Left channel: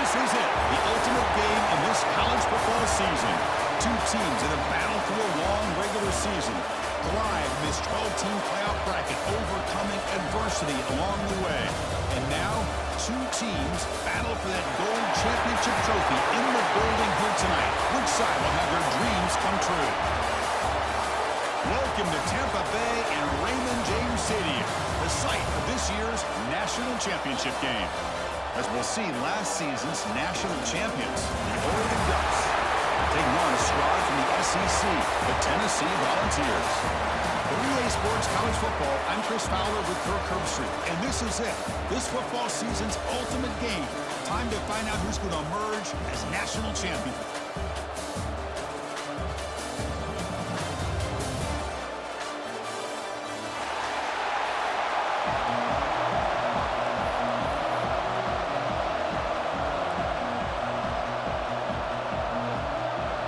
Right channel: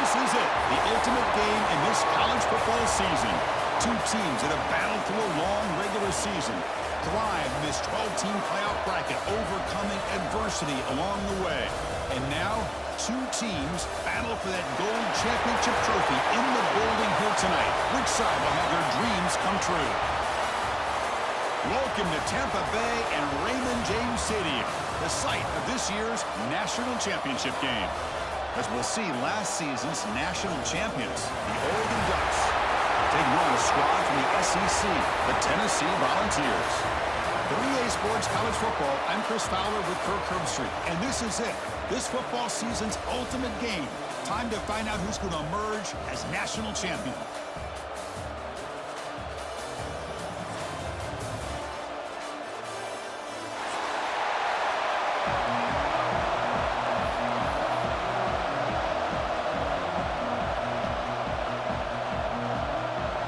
This is it, the ultimate game in this college football season. Two teams that have battled through a long regular season, thrived in this 12-team playoff bracket, overcoming adversity along the way. And now, two teams battle for that gold championship trophy in the building here tonight. Which side will have their dreams come true? Welcome to Tampa Bay and Raymond James Stadium, the site of this year's national championship game. As we'll see, last season's national champions, the Oregon Ducks, taking on a squad from the SEC, the Tennessee Volunteers. For EA Sports College Football, I'm Chris Fowler with Kirk Herbstreit, and this is it, this football season's ultimate game. Time to find out who's going to emerge as national champion.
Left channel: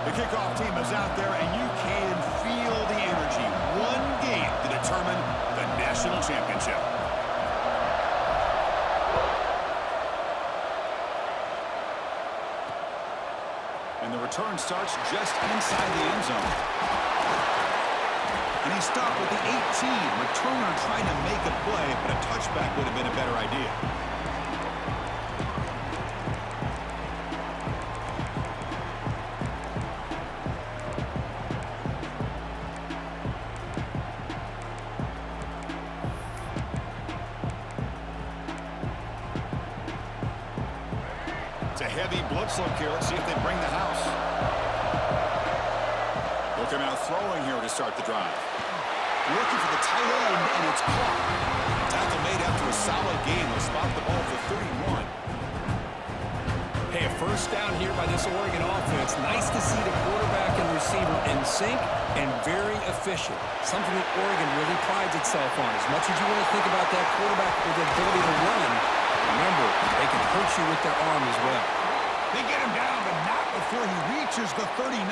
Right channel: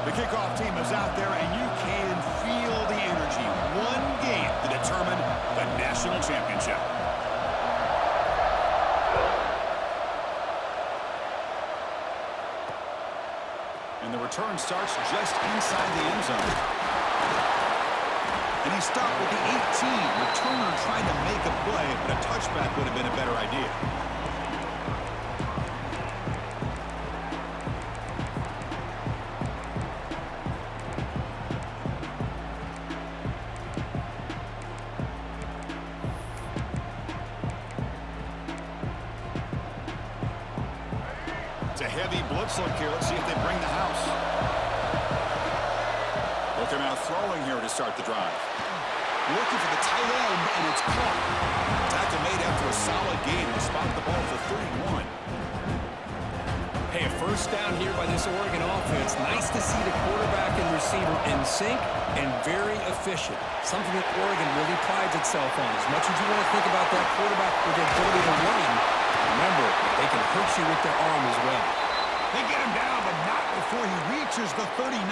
The kickoff team is out there, and you can feel the energy. One game to determine the national championship. And the return starts just inside the end zone. And he stopped with the 18. Returner trying to make a play, but a touchback would have been a better idea. It's a heavy blitz look here. Let's see if they bring the house. They'll come out throwing here to start the drive. Looking for the tight end, and it's caught. Tackle made after a solid gain. They'll spot the ball for 31. Hey, a first down here by this Oregon offense. Nice to see the quarterback and receiver in sync and very efficient. Something that Oregon really prides itself on. As much as you want to think about that quarterback with the ability to run, remember, they can hurt you with their arm as well. They get him down, but not before he reaches the 39.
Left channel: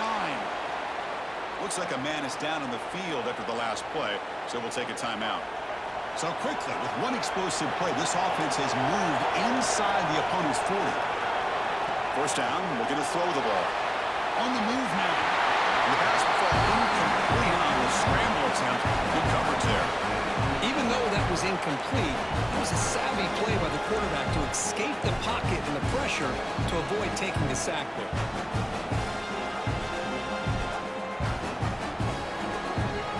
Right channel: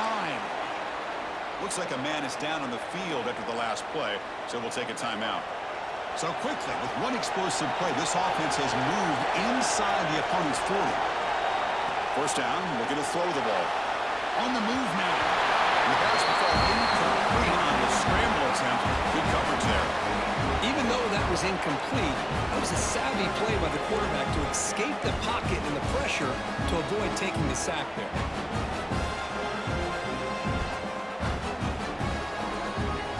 Looks like a man is down on the field after the last play, so we'll take a timeout. So quickly, with one explosive play, this offense has moved inside the opponent's 40. First down, looking to throw the ball. On the move now. And the pass will fall incomplete on the scramble attempt. Good coverage there. Even though that was incomplete, that was a savvy play by the quarterback to escape the pocket and the pressure to avoid taking the sack there.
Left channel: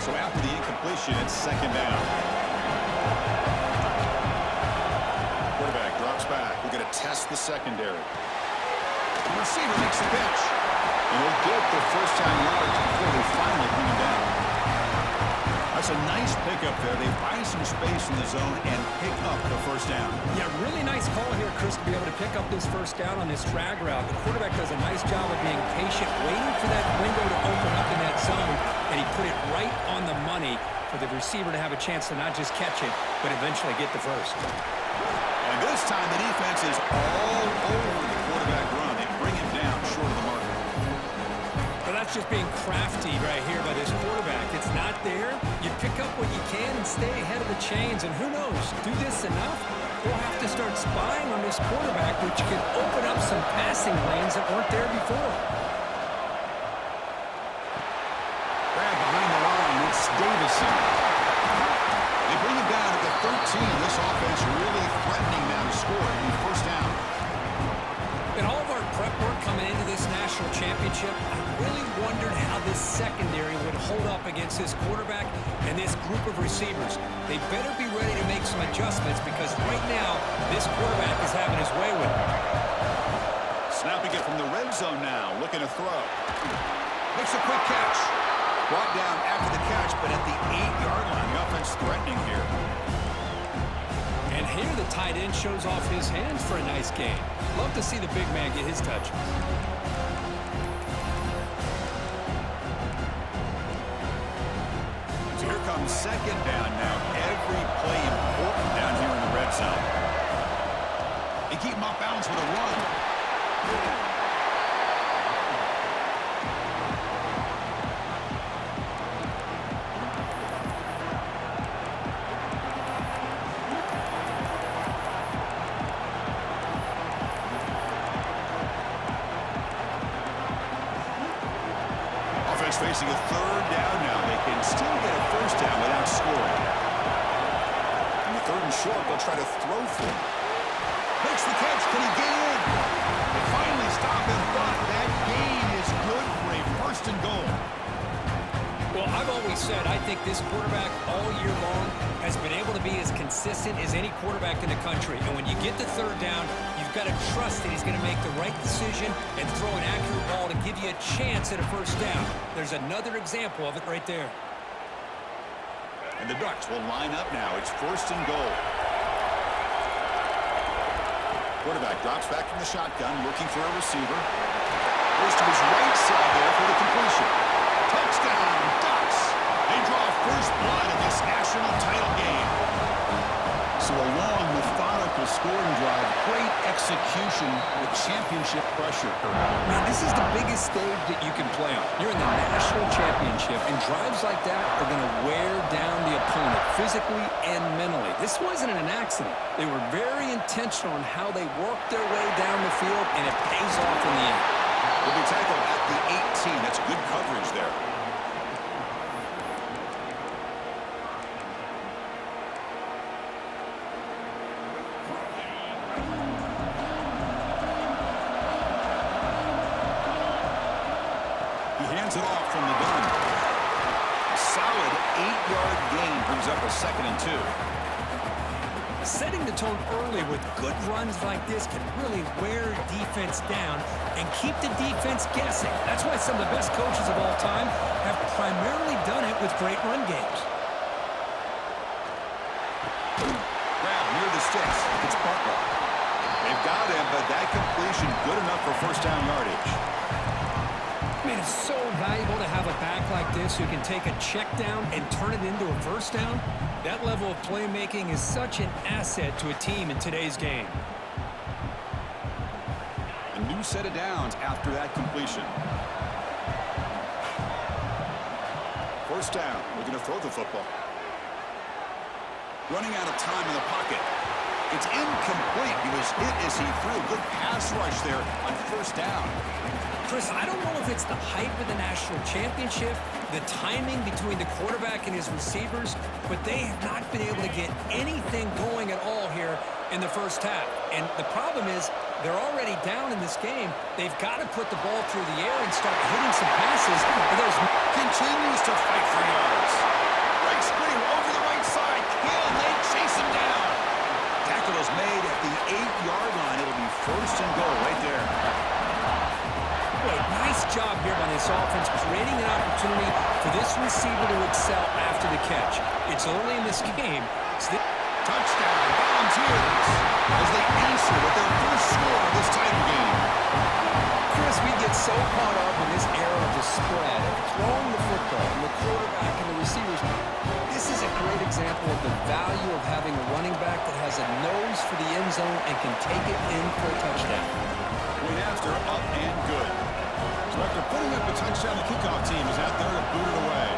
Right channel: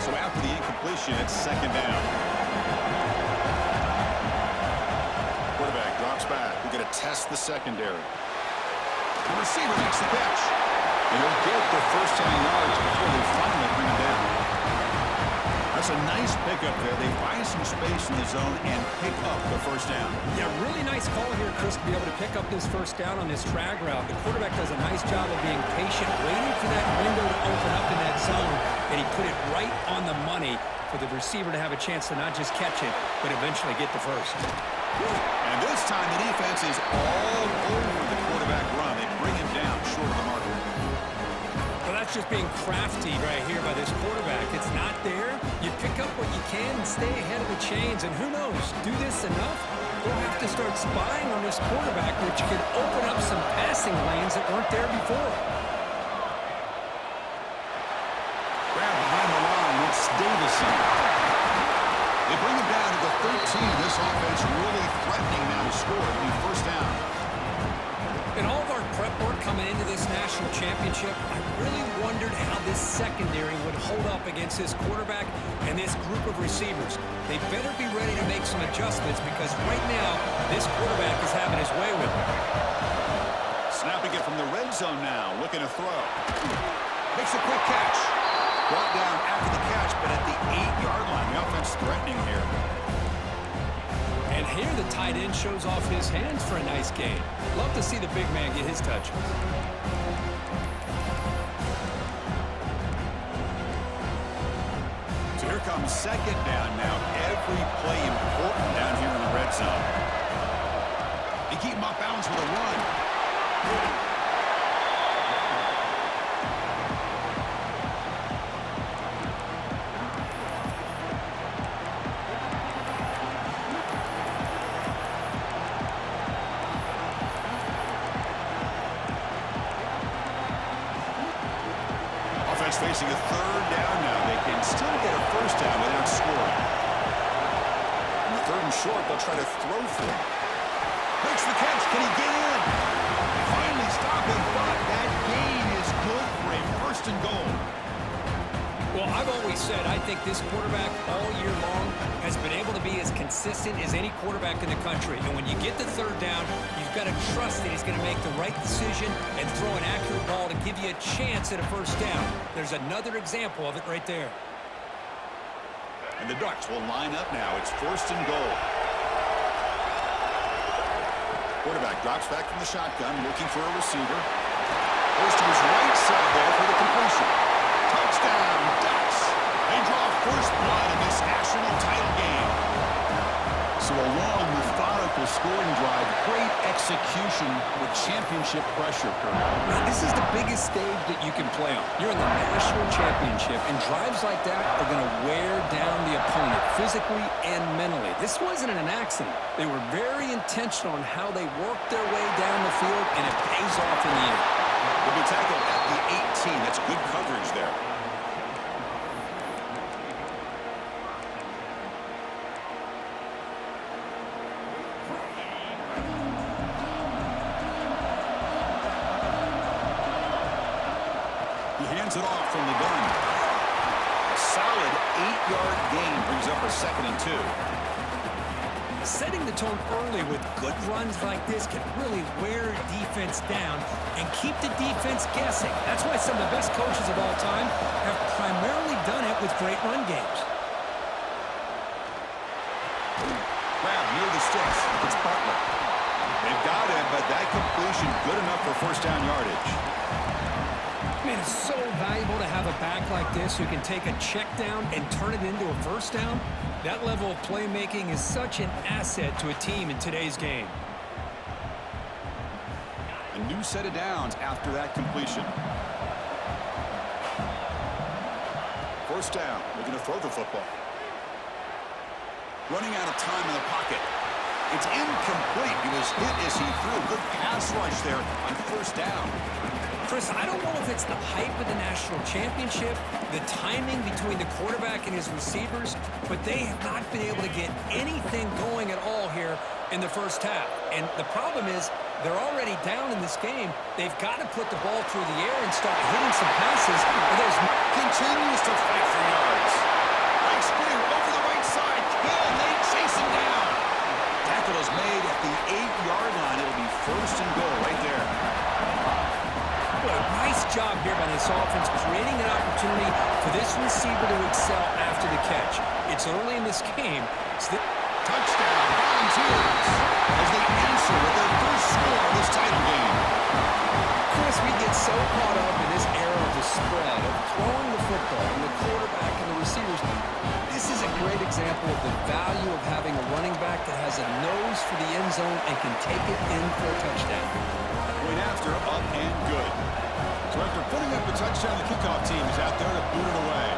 So after the incompletion, it's second down. Quarterback drops back. We're going to test the secondary. The receiver makes the catch. And he'll get the first down yards before they finally bring him down. That's a nice pickup there. They find some space in the zone and pick up the first down. Yeah, really nice call here, Chris, to be able to pick up this first down on this drag route. The quarterback does a nice job of being patient, waiting for that window to open up in that zone, and he put it right on the money for the receiver to have a chance to not just catch it, but eventually get the first. And this time the defense is all over the quarterback run. They bring him down short of the marker. Well, that's just being crafty right here by this quarterback. It's not there. You pick up what you can and stay ahead of the chains. And who knows, do this enough, we'll have to start spying on this quarterback, which could open up some passing lanes that weren't there before. Grab behind the line. It's Davison. They bring him down to the 13. This offense really threatening now to score. It'll be first down. In all of our prep work coming into this national championship, I really wondered how this secondary would hold up against this quarterback and this group of receivers. They better be ready to make some adjustments because right now, this quarterback is having his way with it. Snapping it from the red zone now, looking to throw. Makes a quick catch. Brought down after the catch, but at the 8-yard line, the offense threatening here. And here the tight end shows off his hands for a nice gain. Love to see the big man get his touches. So here comes second down now. Every play important down here in the red zone. They keep him off balance with a run. Defense facing a third down now. They can still get a first down without scoring. In the third and short, they'll try to throw for him. Makes the catch. Can he get in? They finally stop him, but that gain is good for a first and goal. Well, I've always said I think this quarterback all year long has been able to be as consistent as any quarterback in the country. And when you get the third down, you've got to trust that he's going to make the right decision and throw an accurate ball to give you a chance at a first down. There's another example of it right there. And the Ducks will line up now. It's first and goal. Quarterback drops back from the shotgun, looking for a receiver. Goes to his right side there for the completion. Touchdown, Ducks! They draw first blood in this national title game. So a long, methodical scoring drive, great execution with championship pressure, Kurt. Man, this is the biggest stage that you can play on. You're in the national championship, and drives like that are going to wear down the opponent physically and mentally. This wasn't an accident. They were very intentional on how they worked their way down the field, and it pays off in the end. Will be tackled at the 18. That's good coverage there. He hands it off from the gun. A solid 8-yard gain brings up a 2nd and 2. Setting the tone early with good runs like this can really wear defense down and keep the defense guessing. That's why some of the best coaches of all time have primarily done it with great run games. Grab near the sticks. It's Butler. They've got him, but that completion good enough for first down yardage. Man, it's so valuable to have a back like this who can take a check down and turn it into a first down. That level of playmaking is such an asset to a team in today's game. A new set of downs after that completion. First down. Looking to throw the football. Running out of time in the pocket. It's incomplete. He was hit as he threw. Good pass rush there on first down. Chris, I don't know if it's the hype of the national championship, the timing between the quarterback and his receivers, but they have not been able to get anything going at all here in the first half. And the problem is they're already down in this game. They've got to put the ball through the air and start hitting some passes. Or there's continues to fight for yards. Breaks clear over the right side. Can they chase him down? Tackle is made at the 8-yard line. It'll be first and goal right there. Boy, nice job here by this offense, creating an opportunity for this receiver to excel after the catch. It's early in this game. Touchdown, Volunteers, as they answer with their first score of this title game. Chris, we get so caught up in this era of the spread, of throwing the football, and the quarterback and the receivers. This is a great example of the value of having a running back that has a nose for the end zone and can take it in for a touchdown. Point after, up and good. So after putting up a touchdown, the kickoff team is out there to boot it away.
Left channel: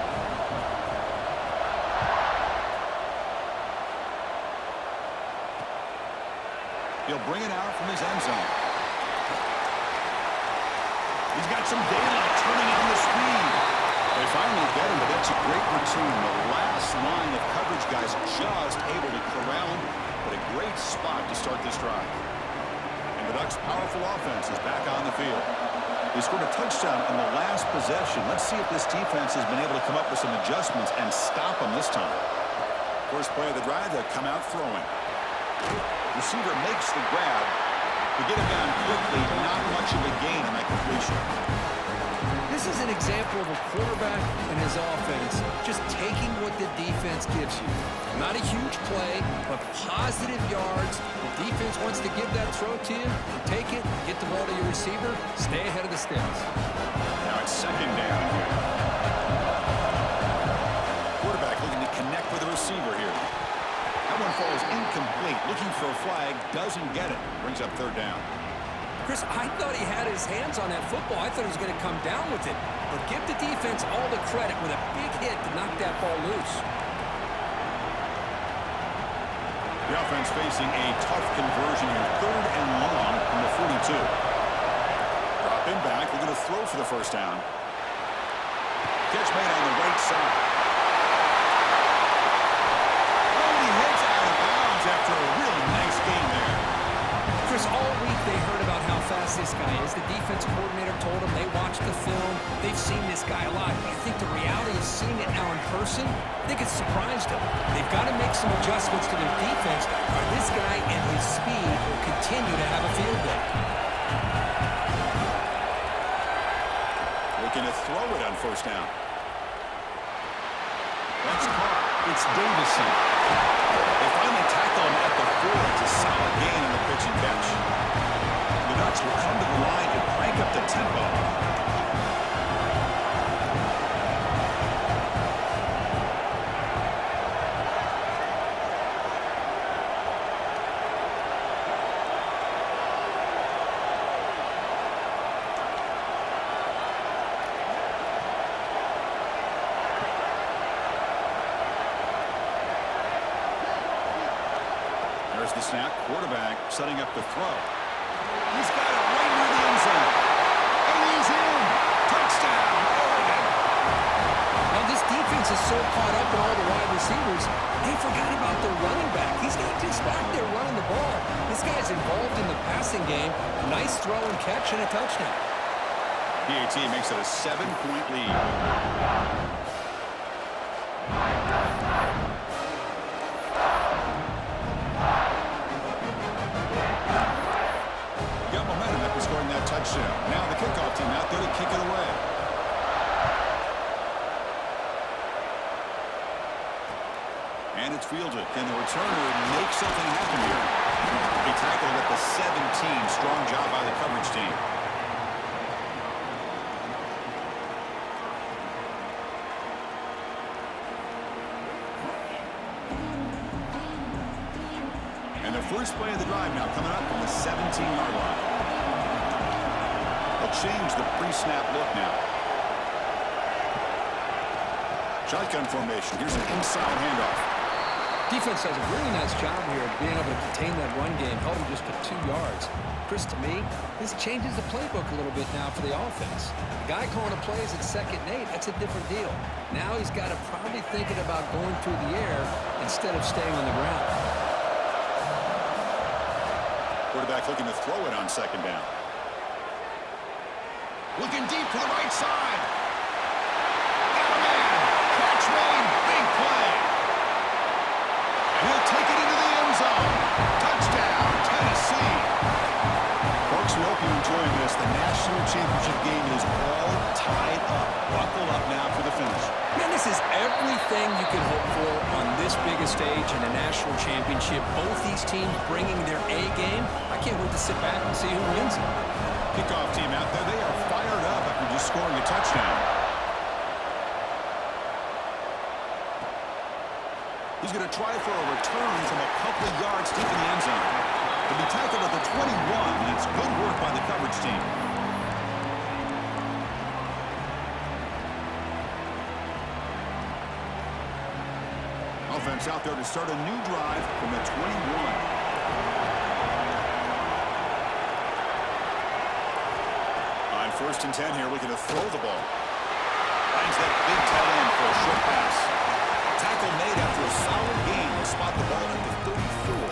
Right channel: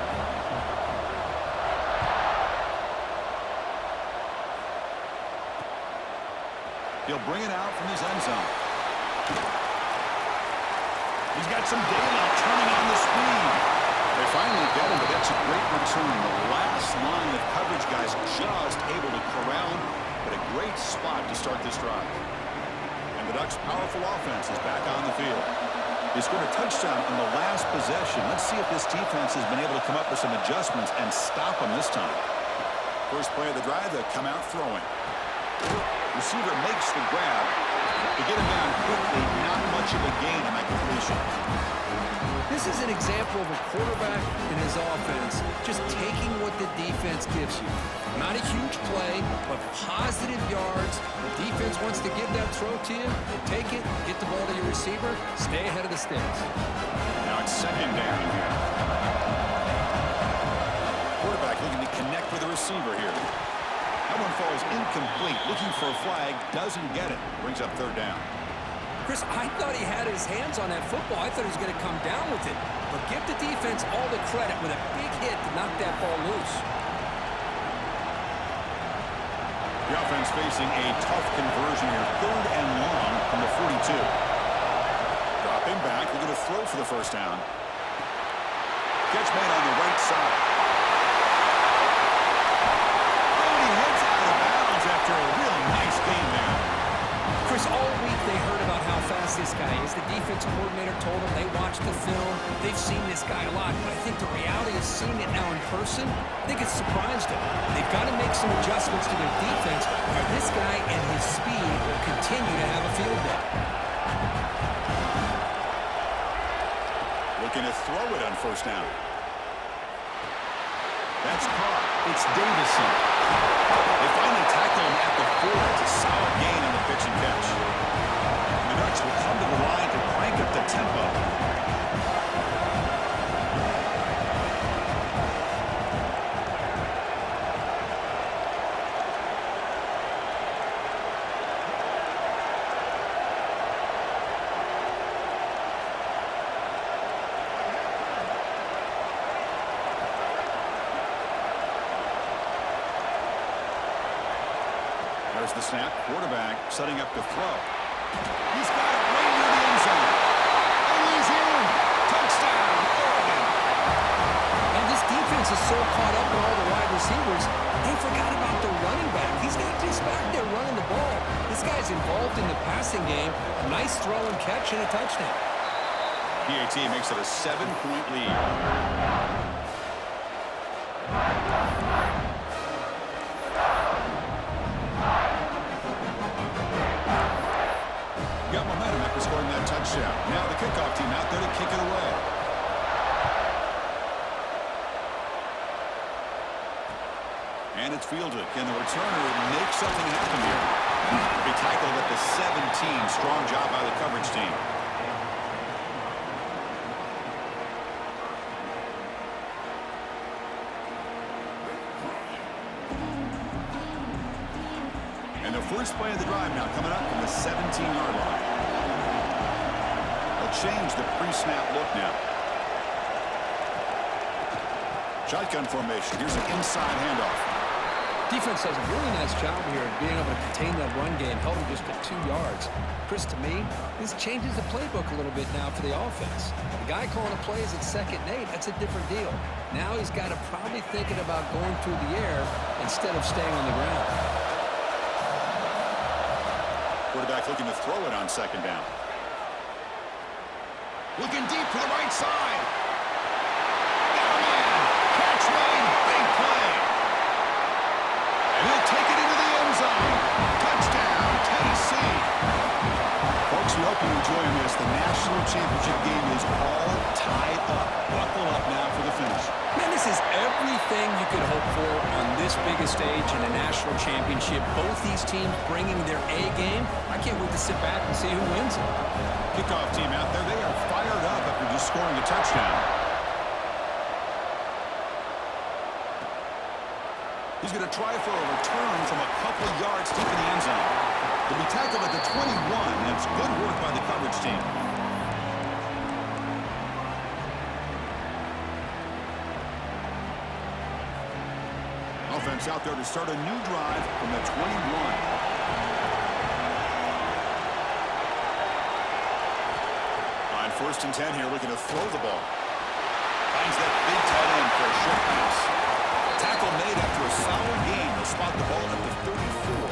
He'll bring it out from his end zone. He's got some daylight turning on the speed. They finally get him, but that's a great return. The last line of coverage guys just able to corral him, but a great spot to start this drive. And the Ducks' powerful offense is back on the field. They scored a touchdown on the last possession. Let's see if this defense has been able to come up with some adjustments and stop them this time. First play of the drive, they come out throwing. Receiver makes the grab. To get him down quickly, not much of a gain on that completion. This is an example of a quarterback and his offense just taking what the defense gives you. Not a huge play, but positive yards. The defense wants to give that throw to you. Take it, get the ball to your receiver, stay ahead of the sticks. Now it's second down here. Quarterback looking to connect with the receiver here. That one falls incomplete. Looking for a flag, doesn't get it. Brings up third down. Chris, I thought he had his hands on that football. I thought he was going to come down with it. But give the defense all the credit with a big hit to knock that ball loose. The offense facing a tough conversion here. Third and long from the 42. Dropping back. We're going to throw for the first down. Catch made on the right side. Oh, and he heads out of bounds after a real nice game there. Chris, all week they heard about how fast this guy is. The defensive coordinator told them they watched the film. They've seen this guy a lot, but I think the reality of seeing it now in person, I think it's surprised them. They've got to make some adjustments to their defense, or this guy and his speed will continue to have a field day. Looking to throw it on first down. That's caught. It's Davison. They finally tackle him at the 4. It's a solid gain on the pitch and catch. The Ducks will come to the line to crank up the tempo. There's the snap. Quarterback setting up the throw. He's got it right near the end zone. And he's in. Touchdown, Oregon. Now, this defense is so caught up in all the wide receivers, they forgot about the running back. He's not just back there running the ball. This guy's involved in the passing game. A nice throw and catch and a touchdown. PAT makes it a 7-point lead. Got momentum after scoring that touchdown. Now the kickoff team out there to kick it away. And it's fielded. Can the returner make something happen here? He tackled at the 17. Strong job by the coverage team. And the first play of the drive now coming up from the 17-yard line. They'll change the pre-snap look now. Shotgun formation. Here's an inside handoff. Defense does a really nice job here of being able to contain that run game. Held him just to 2 yards. Chris, to me, this changes the playbook a little bit now for the offense. The guy calling the plays at 2nd and 8, that's a different deal. Now he's got to probably thinking about going through the air instead of staying on the ground. Quarterback looking to throw it on 2nd down. Looking deep to the right side. Got a man. Catch made. Big play. And he'll take it into the end zone. Touchdown, Tennessee. Folks, we hope you're enjoying this. The national championship game is all tied up. Buckle up now for the finish. Man, this is everything you could hope for on this biggest stage in a national championship. Both these teams bringing their A game. I can't wait to sit back and see who wins it. Kickoff team out there. They are fired up after just scoring a touchdown. He's going to try for a return from a couple yards deep in the end zone. To be tackled at the 21, and it's good work by the coverage team. Offense out there to start a new drive from the 21. On 1st and 10 here, looking to throw the ball. Finds that big tight end for a short pass. Tackle made after a solid gain. They'll spot the ball at the 34.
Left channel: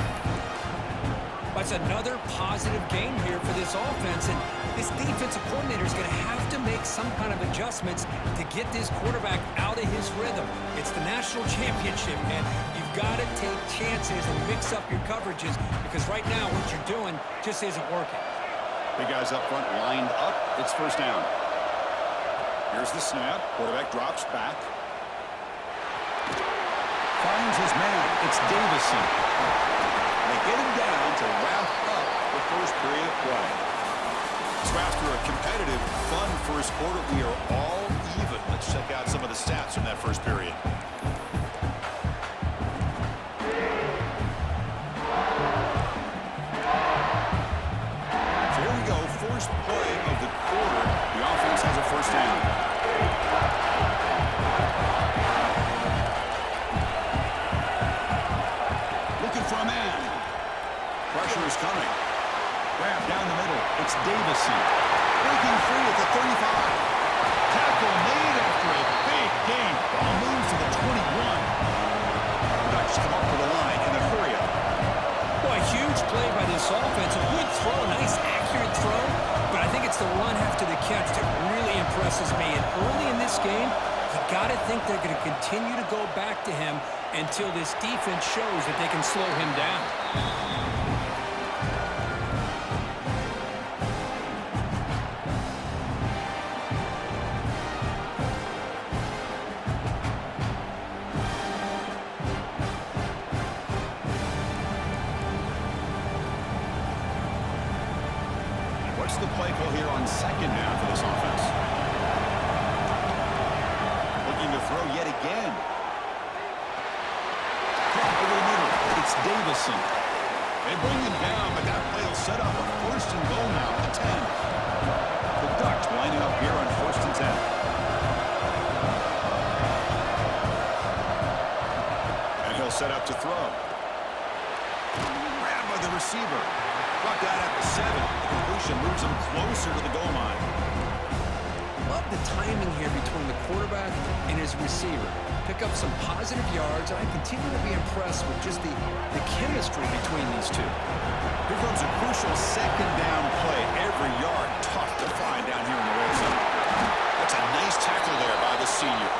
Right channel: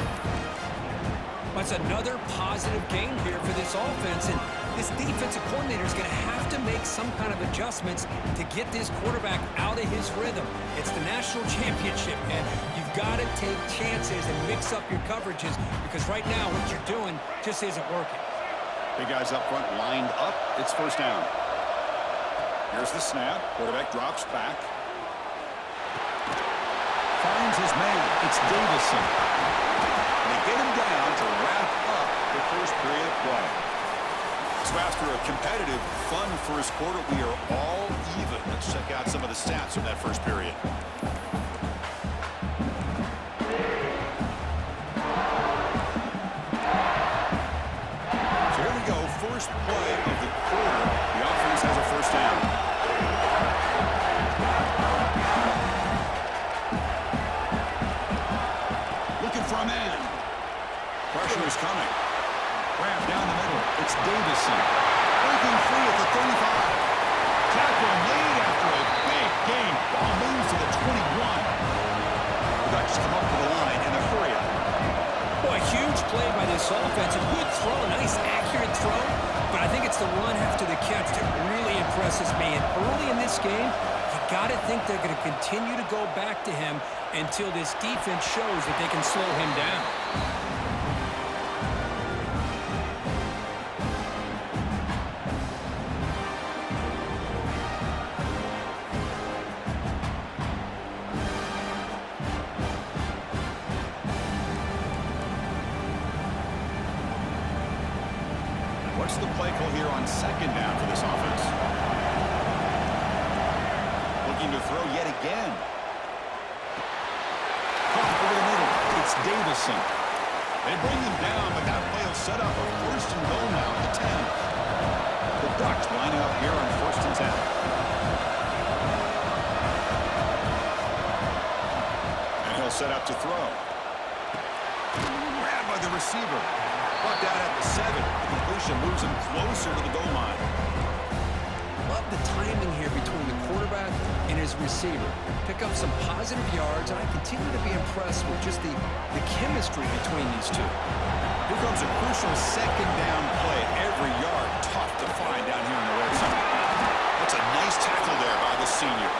That's another positive game here for this offense, and this defensive coordinator is going to have to make some kind of adjustments to get this quarterback out of his rhythm. It's the national championship, man. You've got to take chances and mix up your coverages because right now what you're doing just isn't working. Big guys up front lined up. It's 1st down. Here's the snap. Quarterback drops back. Finds his man. It's Davison. They get him down to wrap up the first period of play. So after a competitive, fun first quarter, we are all even. Let's check out some of the stats from that first period. So here we go. First play of the quarter. The offense has a 1st down. Looking for a man. Pressure is coming. Grab down the middle. It's Davison. Breaking free at the 35. Tackle made after a big gain. Ball moves to the 21. The Ducks come up to the line in a hurry-up. Boy, huge play by this offense. A good throw, a nice accurate throw. But I think it's the run after the catch that really impresses me. And early in this game, you got to think they're going to continue to go back to him until this defense shows that they can slow him down. What's the play call here on second down for this offense? Looking to throw yet again. Caught over the middle. It's Davison. They bring him down, but that play will set up a first and goal now at the 10. The Ducks lining up here on first and 10. And he'll set up to throw. Grabbed by the receiver. Brought down at the 7. The completion moves him closer to the goal line. Love the timing here between the quarterback and his receiver. Pick up some positive yards, and I continue to be impressed with just the chemistry between these two. Here comes a crucial second down play. Every yard tough to find down here in the red zone. That's a nice tackle there by the senior.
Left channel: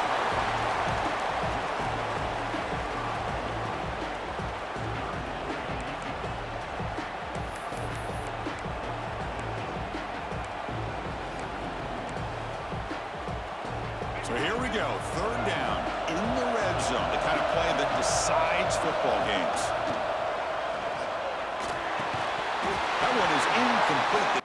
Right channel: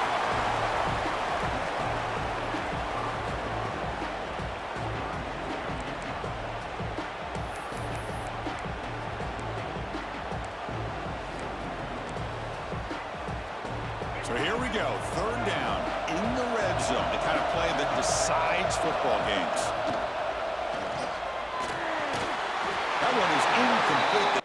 So here we go, third down in the red zone, the kind of play that decides football games. That one is incomplete.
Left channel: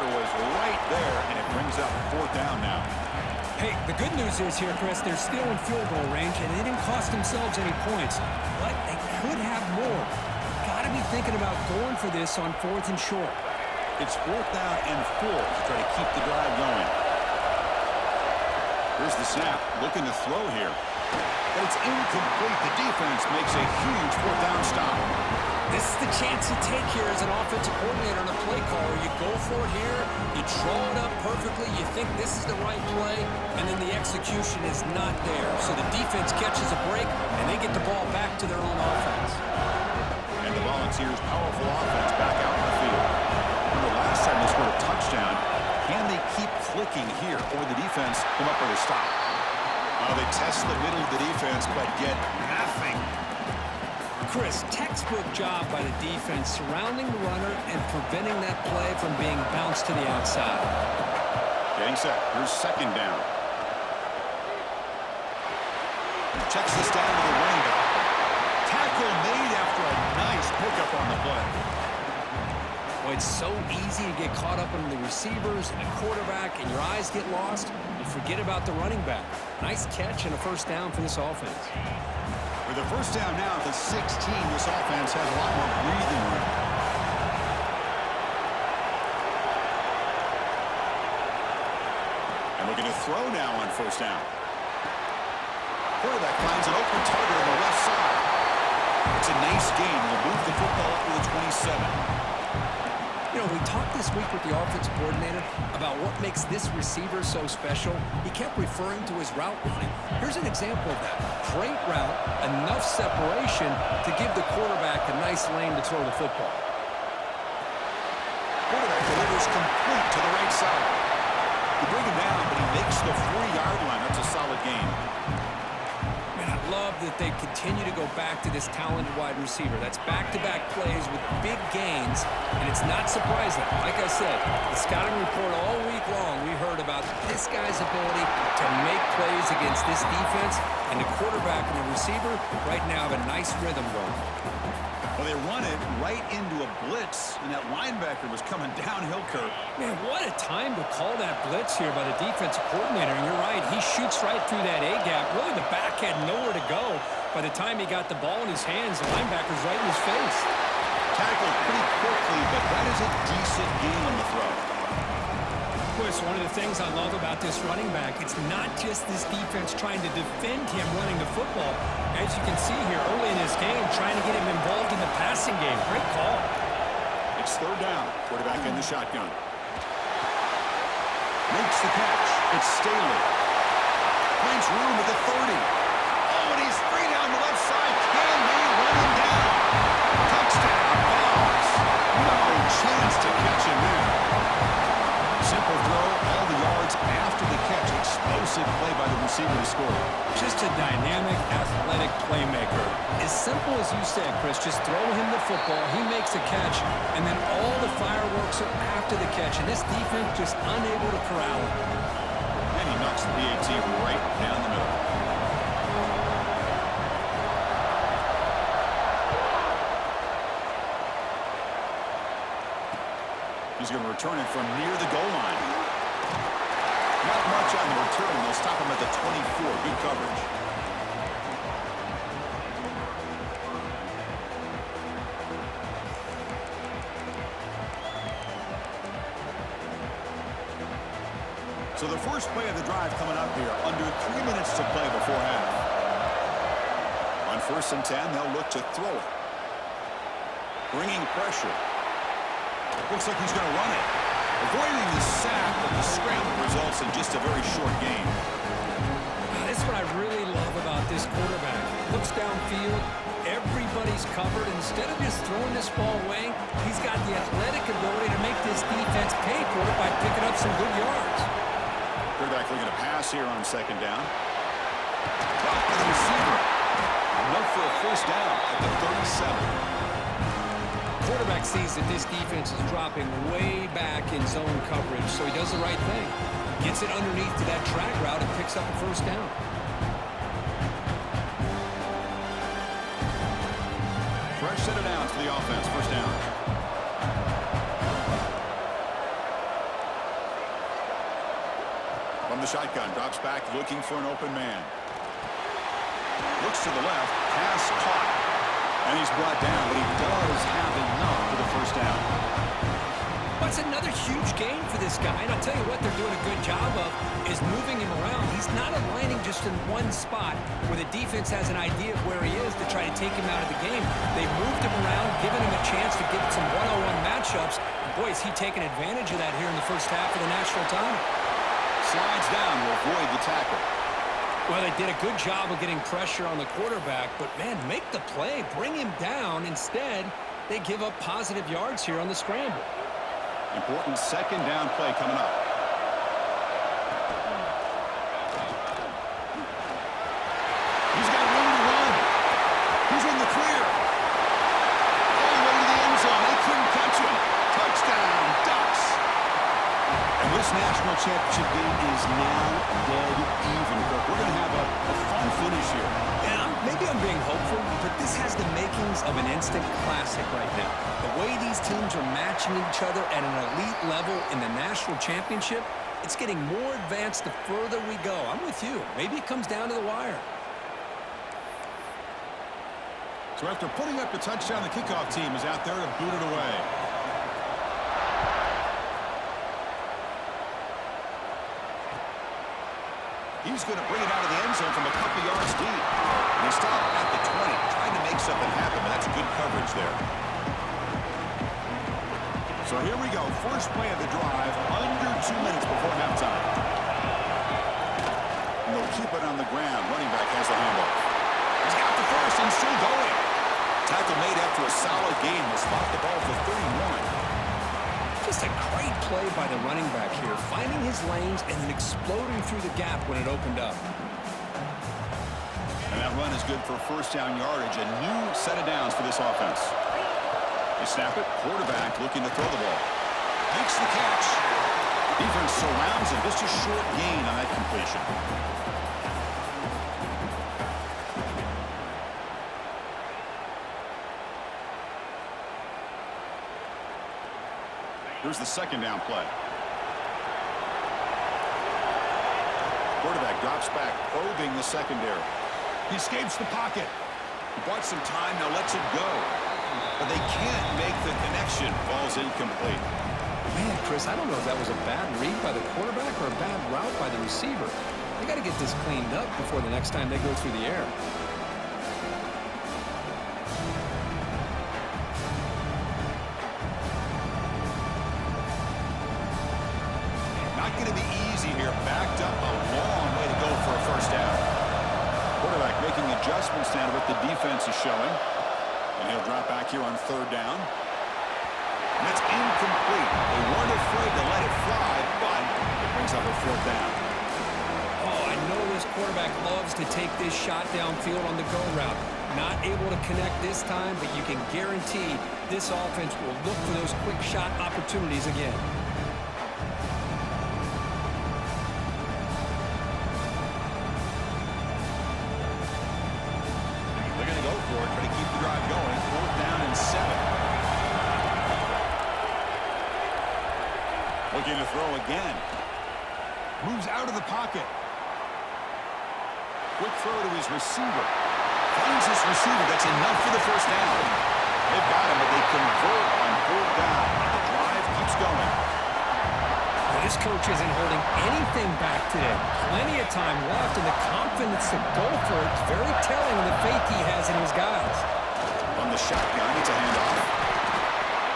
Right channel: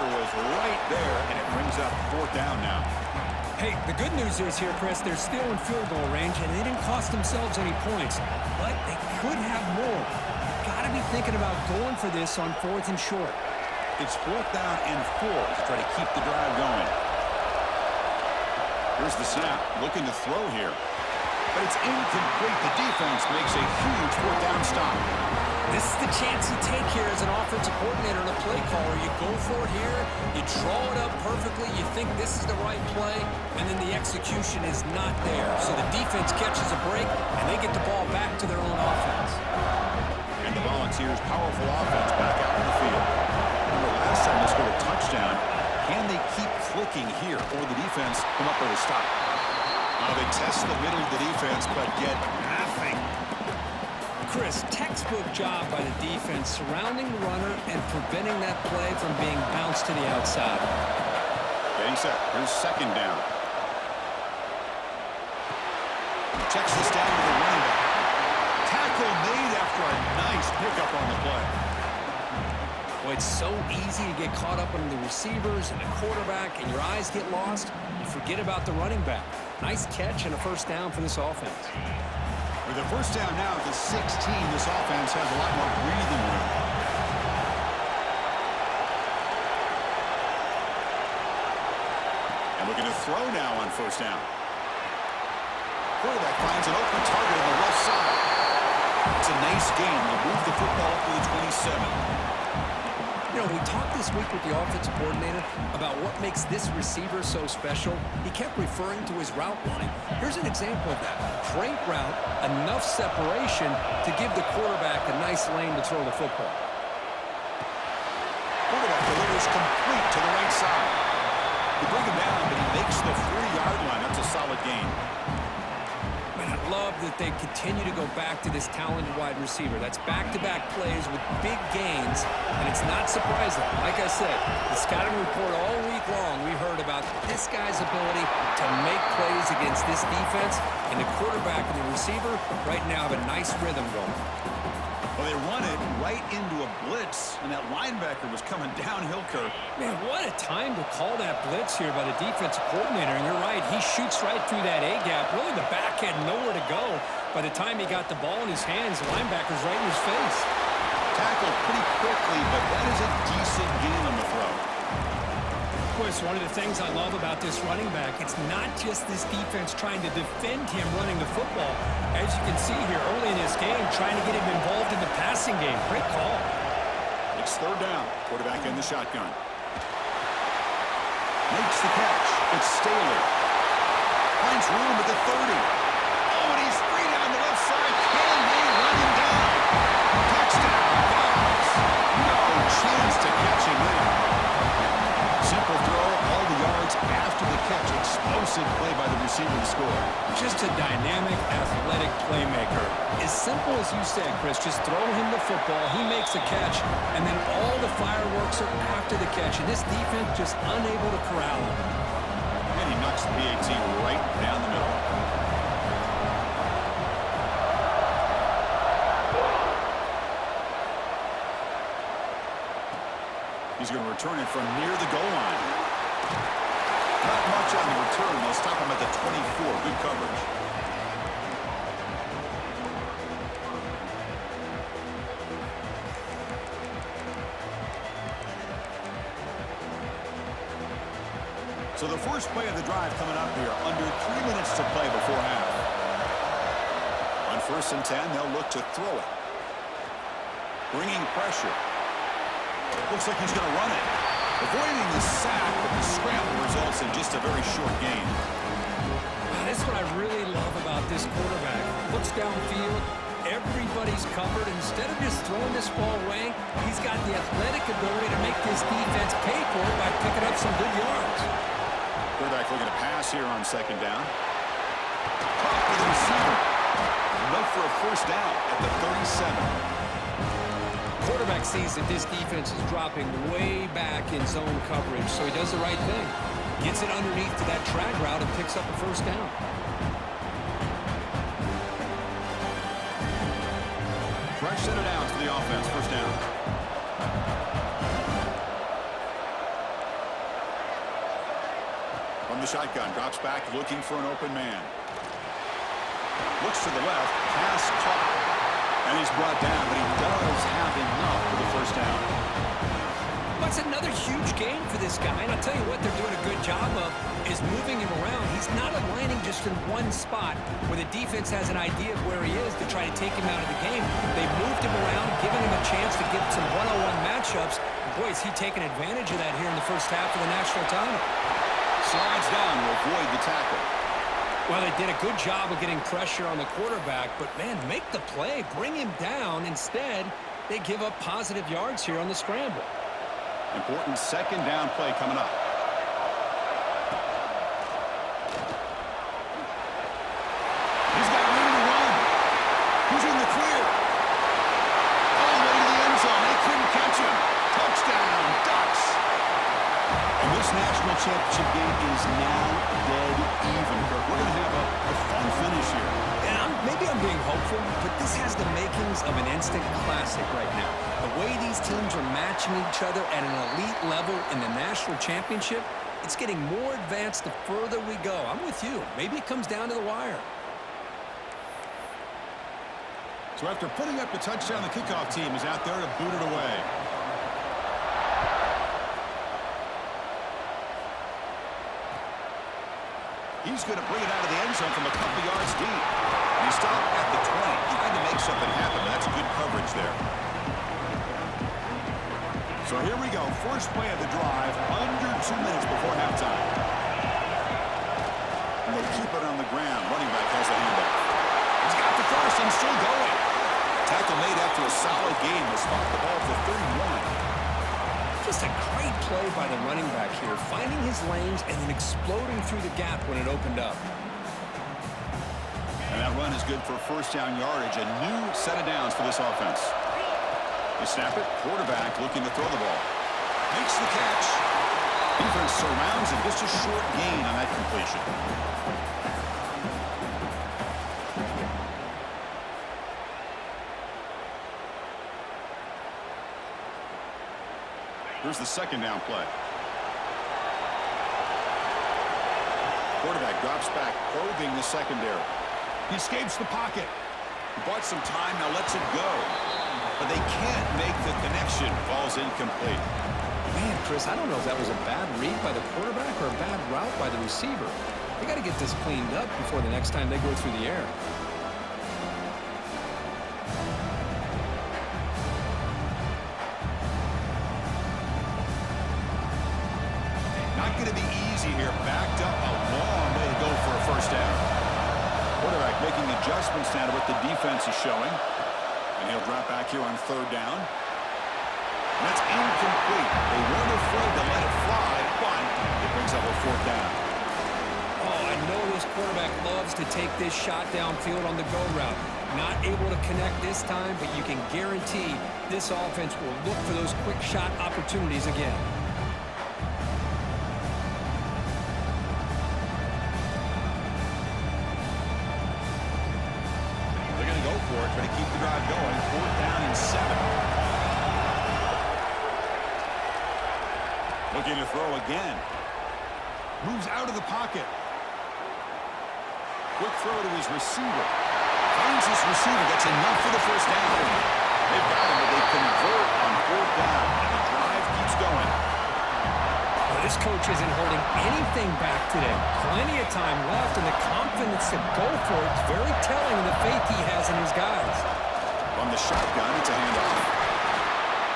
Was right there, and it brings up fourth down now. Hey, the good news is here, Chris, they're still in field goal range, and they didn't cost themselves any points, but they could have more. You've got to be thinking about going for this on fourth and short. It's fourth down and 4 to try to keep the drive going. Here's the snap, looking to throw here, but it's incomplete. The defense makes a huge fourth down stop. This is the chance you take here as an offensive coordinator and a play caller. You go for it here, you draw it up perfectly, you think this is the right play, and then the execution is not there. So the defense catches a break, and they get the ball back to their own offense. And the Volunteers' powerful offense back out in the field. Remember last time they scored a touchdown. Can they keep clicking here, or the defense come up with a stop? They test the middle of the defense, but get nothing. Chris, textbook job by the defense surrounding the runner and preventing that play from being bounced to the outside. Getting set. Here's second down. Checks this down to the running back. Tackle made after a nice pickup on the play. Well, it's so easy to get caught up on the receivers and the quarterback, and your eyes get lost. You forget about the running back. Nice catch and a first down for this offense. With a first down now at the 16, this offense has a lot more breathing room. And looking to throw now on first down. Quarterback finds an open target on the left side. It's a nice gain. Will move the football up to the 27. You know, we talked this week with the offensive coordinator about what makes this receiver so special. He kept referring to his route running. Here's an example of that. Great route, enough separation to give the quarterback a nice lane to throw the football. Quarterback delivers complete to the right side. You bring him down, but he makes the 40-yard line. That's a solid gain. Man, I love that they continue to go back to this talented wide receiver. That's back-to-back plays with big gains, and it's not surprising. Like I said, the scouting report all week long, we heard about this guy's ability to make plays against this defense, and the quarterback and the receiver right now have a nice rhythm going. Well, they run it right into a blitz, and that linebacker was coming downhill, Kirk. Man, what a time to call that blitz here by the defensive coordinator. And you're right, he shoots right through that A-gap. Really, the back had nowhere to go. By the time he got the ball in his hands, the linebacker's right in his face. Tackled pretty quickly, but that is a decent gain on the throw. Boy, it's one of the things I love about this running back. It's not just this defense trying to defend him running the football. As you can see here early in this game, trying to get him involved in the passing game. Great call. It's third down. Quarterback in the shotgun. Makes the catch. It's Staley. Finds room at the 30. Oh, and he's free down the left side. Can they run him down? Touchdown, Bobs. No chance to catch him there. Simple throw, all the yards after the catch. Explosive play by the receiver to score. Just a dynamic, athletic playmaker. As simple as you said, Chris, just throw him the football, he makes a catch, and then all the fireworks are after the catch, and this defense just unable to corral him. And he knocks the PAT right down the middle. He's going to return it from near the goal line. Not much on the return. They'll stop him at the 24. Good coverage. So the first play of the drive coming up here. Under 3 minutes to play before half. On 1st and 10, they'll look to throw it. Bringing pressure. Looks like he's going to run it. Avoiding the sack, but the scramble results in just a very short gain. That's what I really love about this quarterback. Looks downfield. Everybody's covered. Instead of just throwing this ball away, he's got the athletic ability to make this defense pay for it by picking up some good yards. Quarterback looking to pass here on 2nd down. Caught by the receiver. Enough for a first down at the 37. Quarterback sees that this defense is dropping way back in zone coverage, so he does the right thing. Gets it underneath to that drag route and picks up a first down. Fresh set of downs for the offense. First down. From the shotgun, drops back looking for an open man. Looks to the left, pass caught. And he's brought down, but he does have enough for the first down. That's another huge gain for this guy. And I'll tell you what they're doing a good job of is moving him around. He's not aligning just in one spot where the defense has an idea of where he is to try to take him out of the game. They've moved him around, given him a chance to get some one-on-one matchups. And boy, is he taking advantage of that here in the first half of the national title. Slides down to avoid the tackle. Well, they did a good job of getting pressure on the quarterback, but, man, make the play, bring him down. Instead, they give up positive yards here on the scramble. Important 2nd down play coming up. He's got room to run. He's in the clear. All the way to the end zone. They couldn't catch him. Touchdown, Ducks. And this national championship game is now dead even, Kirk. We're going to have a fun finish here. And maybe I'm being hopeful, but this has the makings of an instant classic right now. The way these teams are matching each other at an elite level in the national championship, it's getting more advanced the further we go. I'm with you. Maybe it comes down to the wire. So after putting up the touchdown, the kickoff team is out there to boot it away. He's going to bring it out of the end zone from a couple yards deep. And he stopped at the 20, trying to make something happen, but that's good coverage there. So here we go. First play of the drive, under 2 minutes before halftime. And they'll keep it on the ground. Running back has the handoff. He's got the first and still going. Tackle made after a solid gain. Will spot the ball for 31. Just a great play by the running back here, finding his lanes and then exploding through the gap when it opened up. And that run is good for first down yardage. A new set of downs for this offense. They snap it. Quarterback looking to throw the ball. Makes the catch. Defense surrounds him. Just a short gain on that completion. Here's the 2nd down play. Quarterback drops back, probing the secondary. He escapes the pocket. He bought some time, now lets it go. But they can't make the connection. Falls incomplete. Man, Chris, I don't know if that was a bad read by the quarterback or a bad route by the receiver. They got to get this cleaned up before the next time they go through the air. Not going to be easy here. Backed up a long way to go for a first down. Quarterback making adjustments now to what the defense is showing. And he'll drop back here on third down. And that's incomplete. They weren't afraid to let it fly, but it brings up a fourth down. Oh, I know this quarterback loves to take this shot downfield on the go route. Not able to connect this time, but you can guarantee this offense will look for those quick shot opportunities again. They're going to go for it, try to keep the drive going. Fourth down and 7. Looking to throw again. Moves out of the pocket. Quick throw to his receiver. Finds his receiver. That's enough for the first down. They've got him, but they convert on fourth down. And the drive keeps going. Well, this coach isn't holding anything back today. Plenty of time left, and the confidence to go for it is very telling in the faith he has in his guys. On the shotgun, it's a handoff.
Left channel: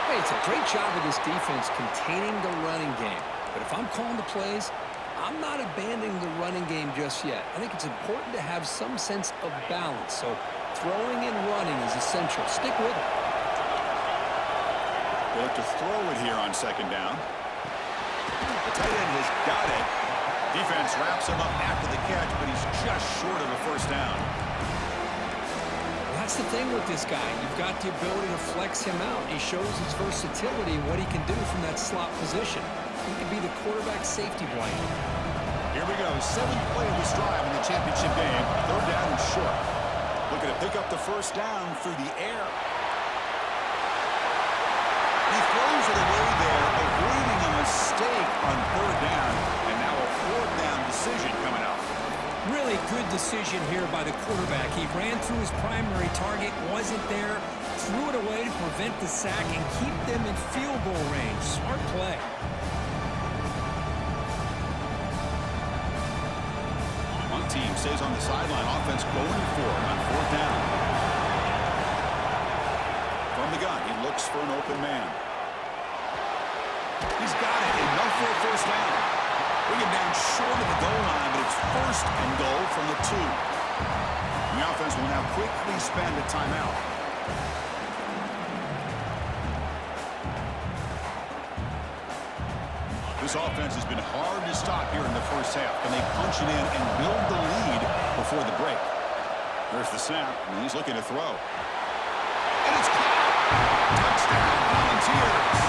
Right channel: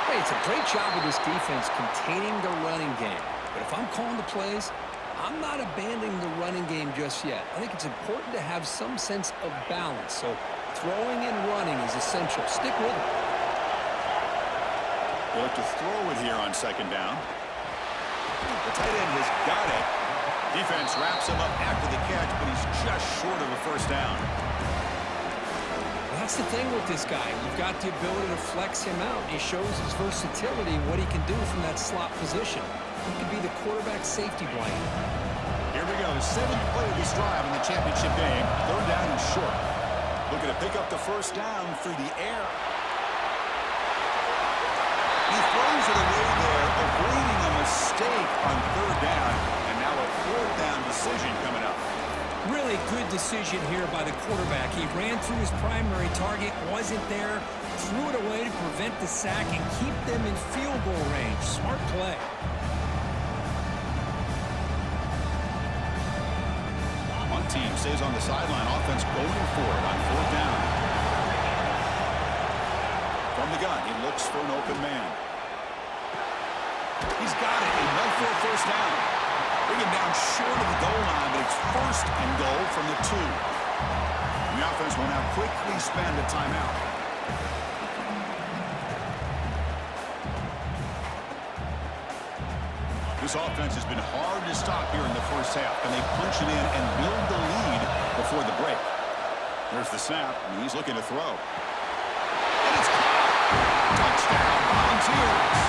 Hey, it's a great job of this defense containing the running game. But if I'm calling the plays, I'm not abandoning the running game just yet. I think it's important to have some sense of balance. So throwing and running is essential. Stick with it. They look to throw it here on second down. The tight end has got it. Defense wraps him up after the catch, but he's just short of a first down. Well, that's the thing with this guy. You've got the ability to flex him out. He shows his versatility and what he can do from that slot position. He could be the quarterback safety blanket. Here we go. 7th play of this drive in the championship game. Third down and short. Looking to pick up the first down through the air. He throws it away there, avoiding a mistake on third down. And now a fourth down decision coming up. Really good decision here by the quarterback. He ran through his primary target, wasn't there, threw it away to prevent the sack and keep them in field goal range. Smart play. One team stays on the sideline. Offense going for it on fourth down. From the gun, he looks for an open man. He's got it. Enough for a first down. Bring him down short of the goal line, but it's first and goal from the 2. And the offense will now quickly spend a timeout. This offense has been hard to stop here in the first half. Can they punch it in and build the lead before the break? There's the snap, and he's looking to throw. And it's caught! Touchdown, Volunteers!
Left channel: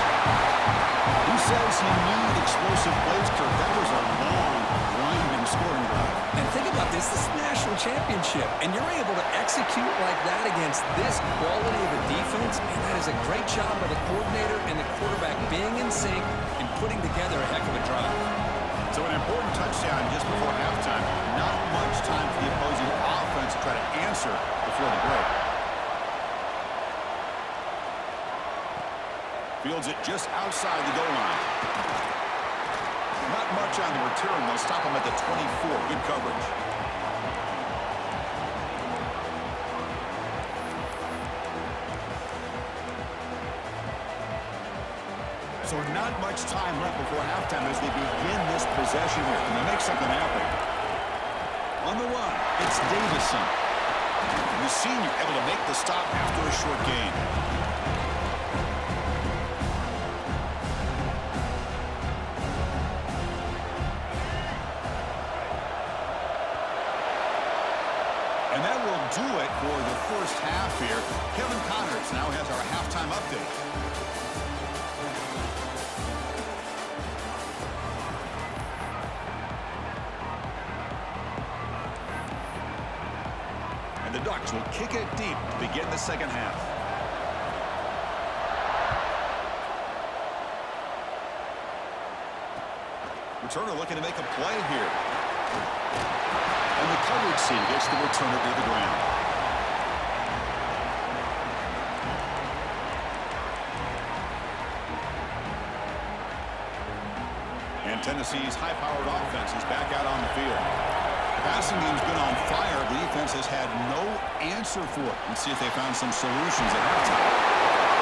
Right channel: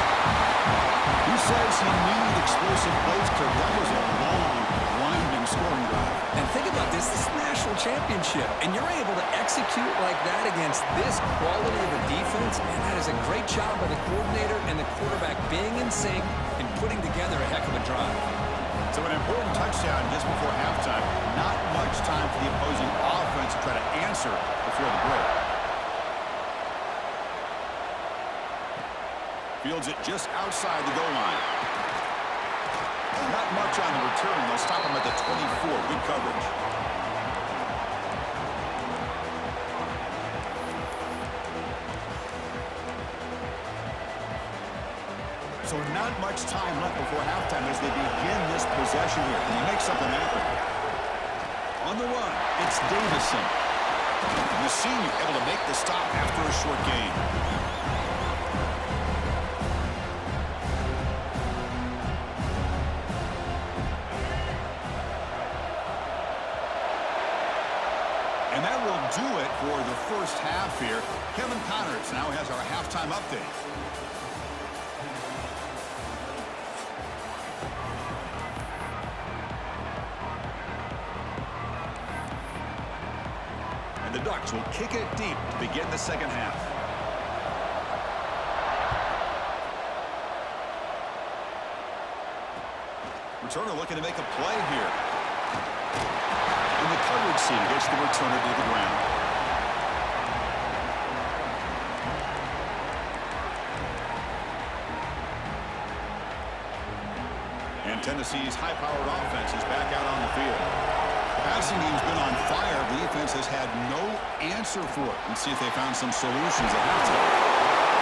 Who says you need explosive plays, Kirk? That was a long, winding scoring drive. And think about this. This is a national championship, and you're able to execute like that against this quality of a defense. Man, that is a great job by the coordinator and the quarterback being in sync and putting together a heck of a drive. So an important touchdown just before halftime. Not much time for the opposing offense to try to answer before the break. Fields it just outside the goal line. Not much on the return. They'll stop him at the 24. Good coverage. So not much time left before halftime as they begin this possession here. Can they make something happen? On the run, it's Davison. And the senior able to make the stop after a short gain. And that will do it for the first half here. Kevin Connors now has our halftime update. And the Ducks will kick it deep to begin the second half. Returner looking to make a play here. And the coverage team gets the returner to the ground. And Tennessee's high-powered offense is back out on the field. The passing game's been on fire. The defense has had no answer for it. Let's see if they found some solutions at halftime.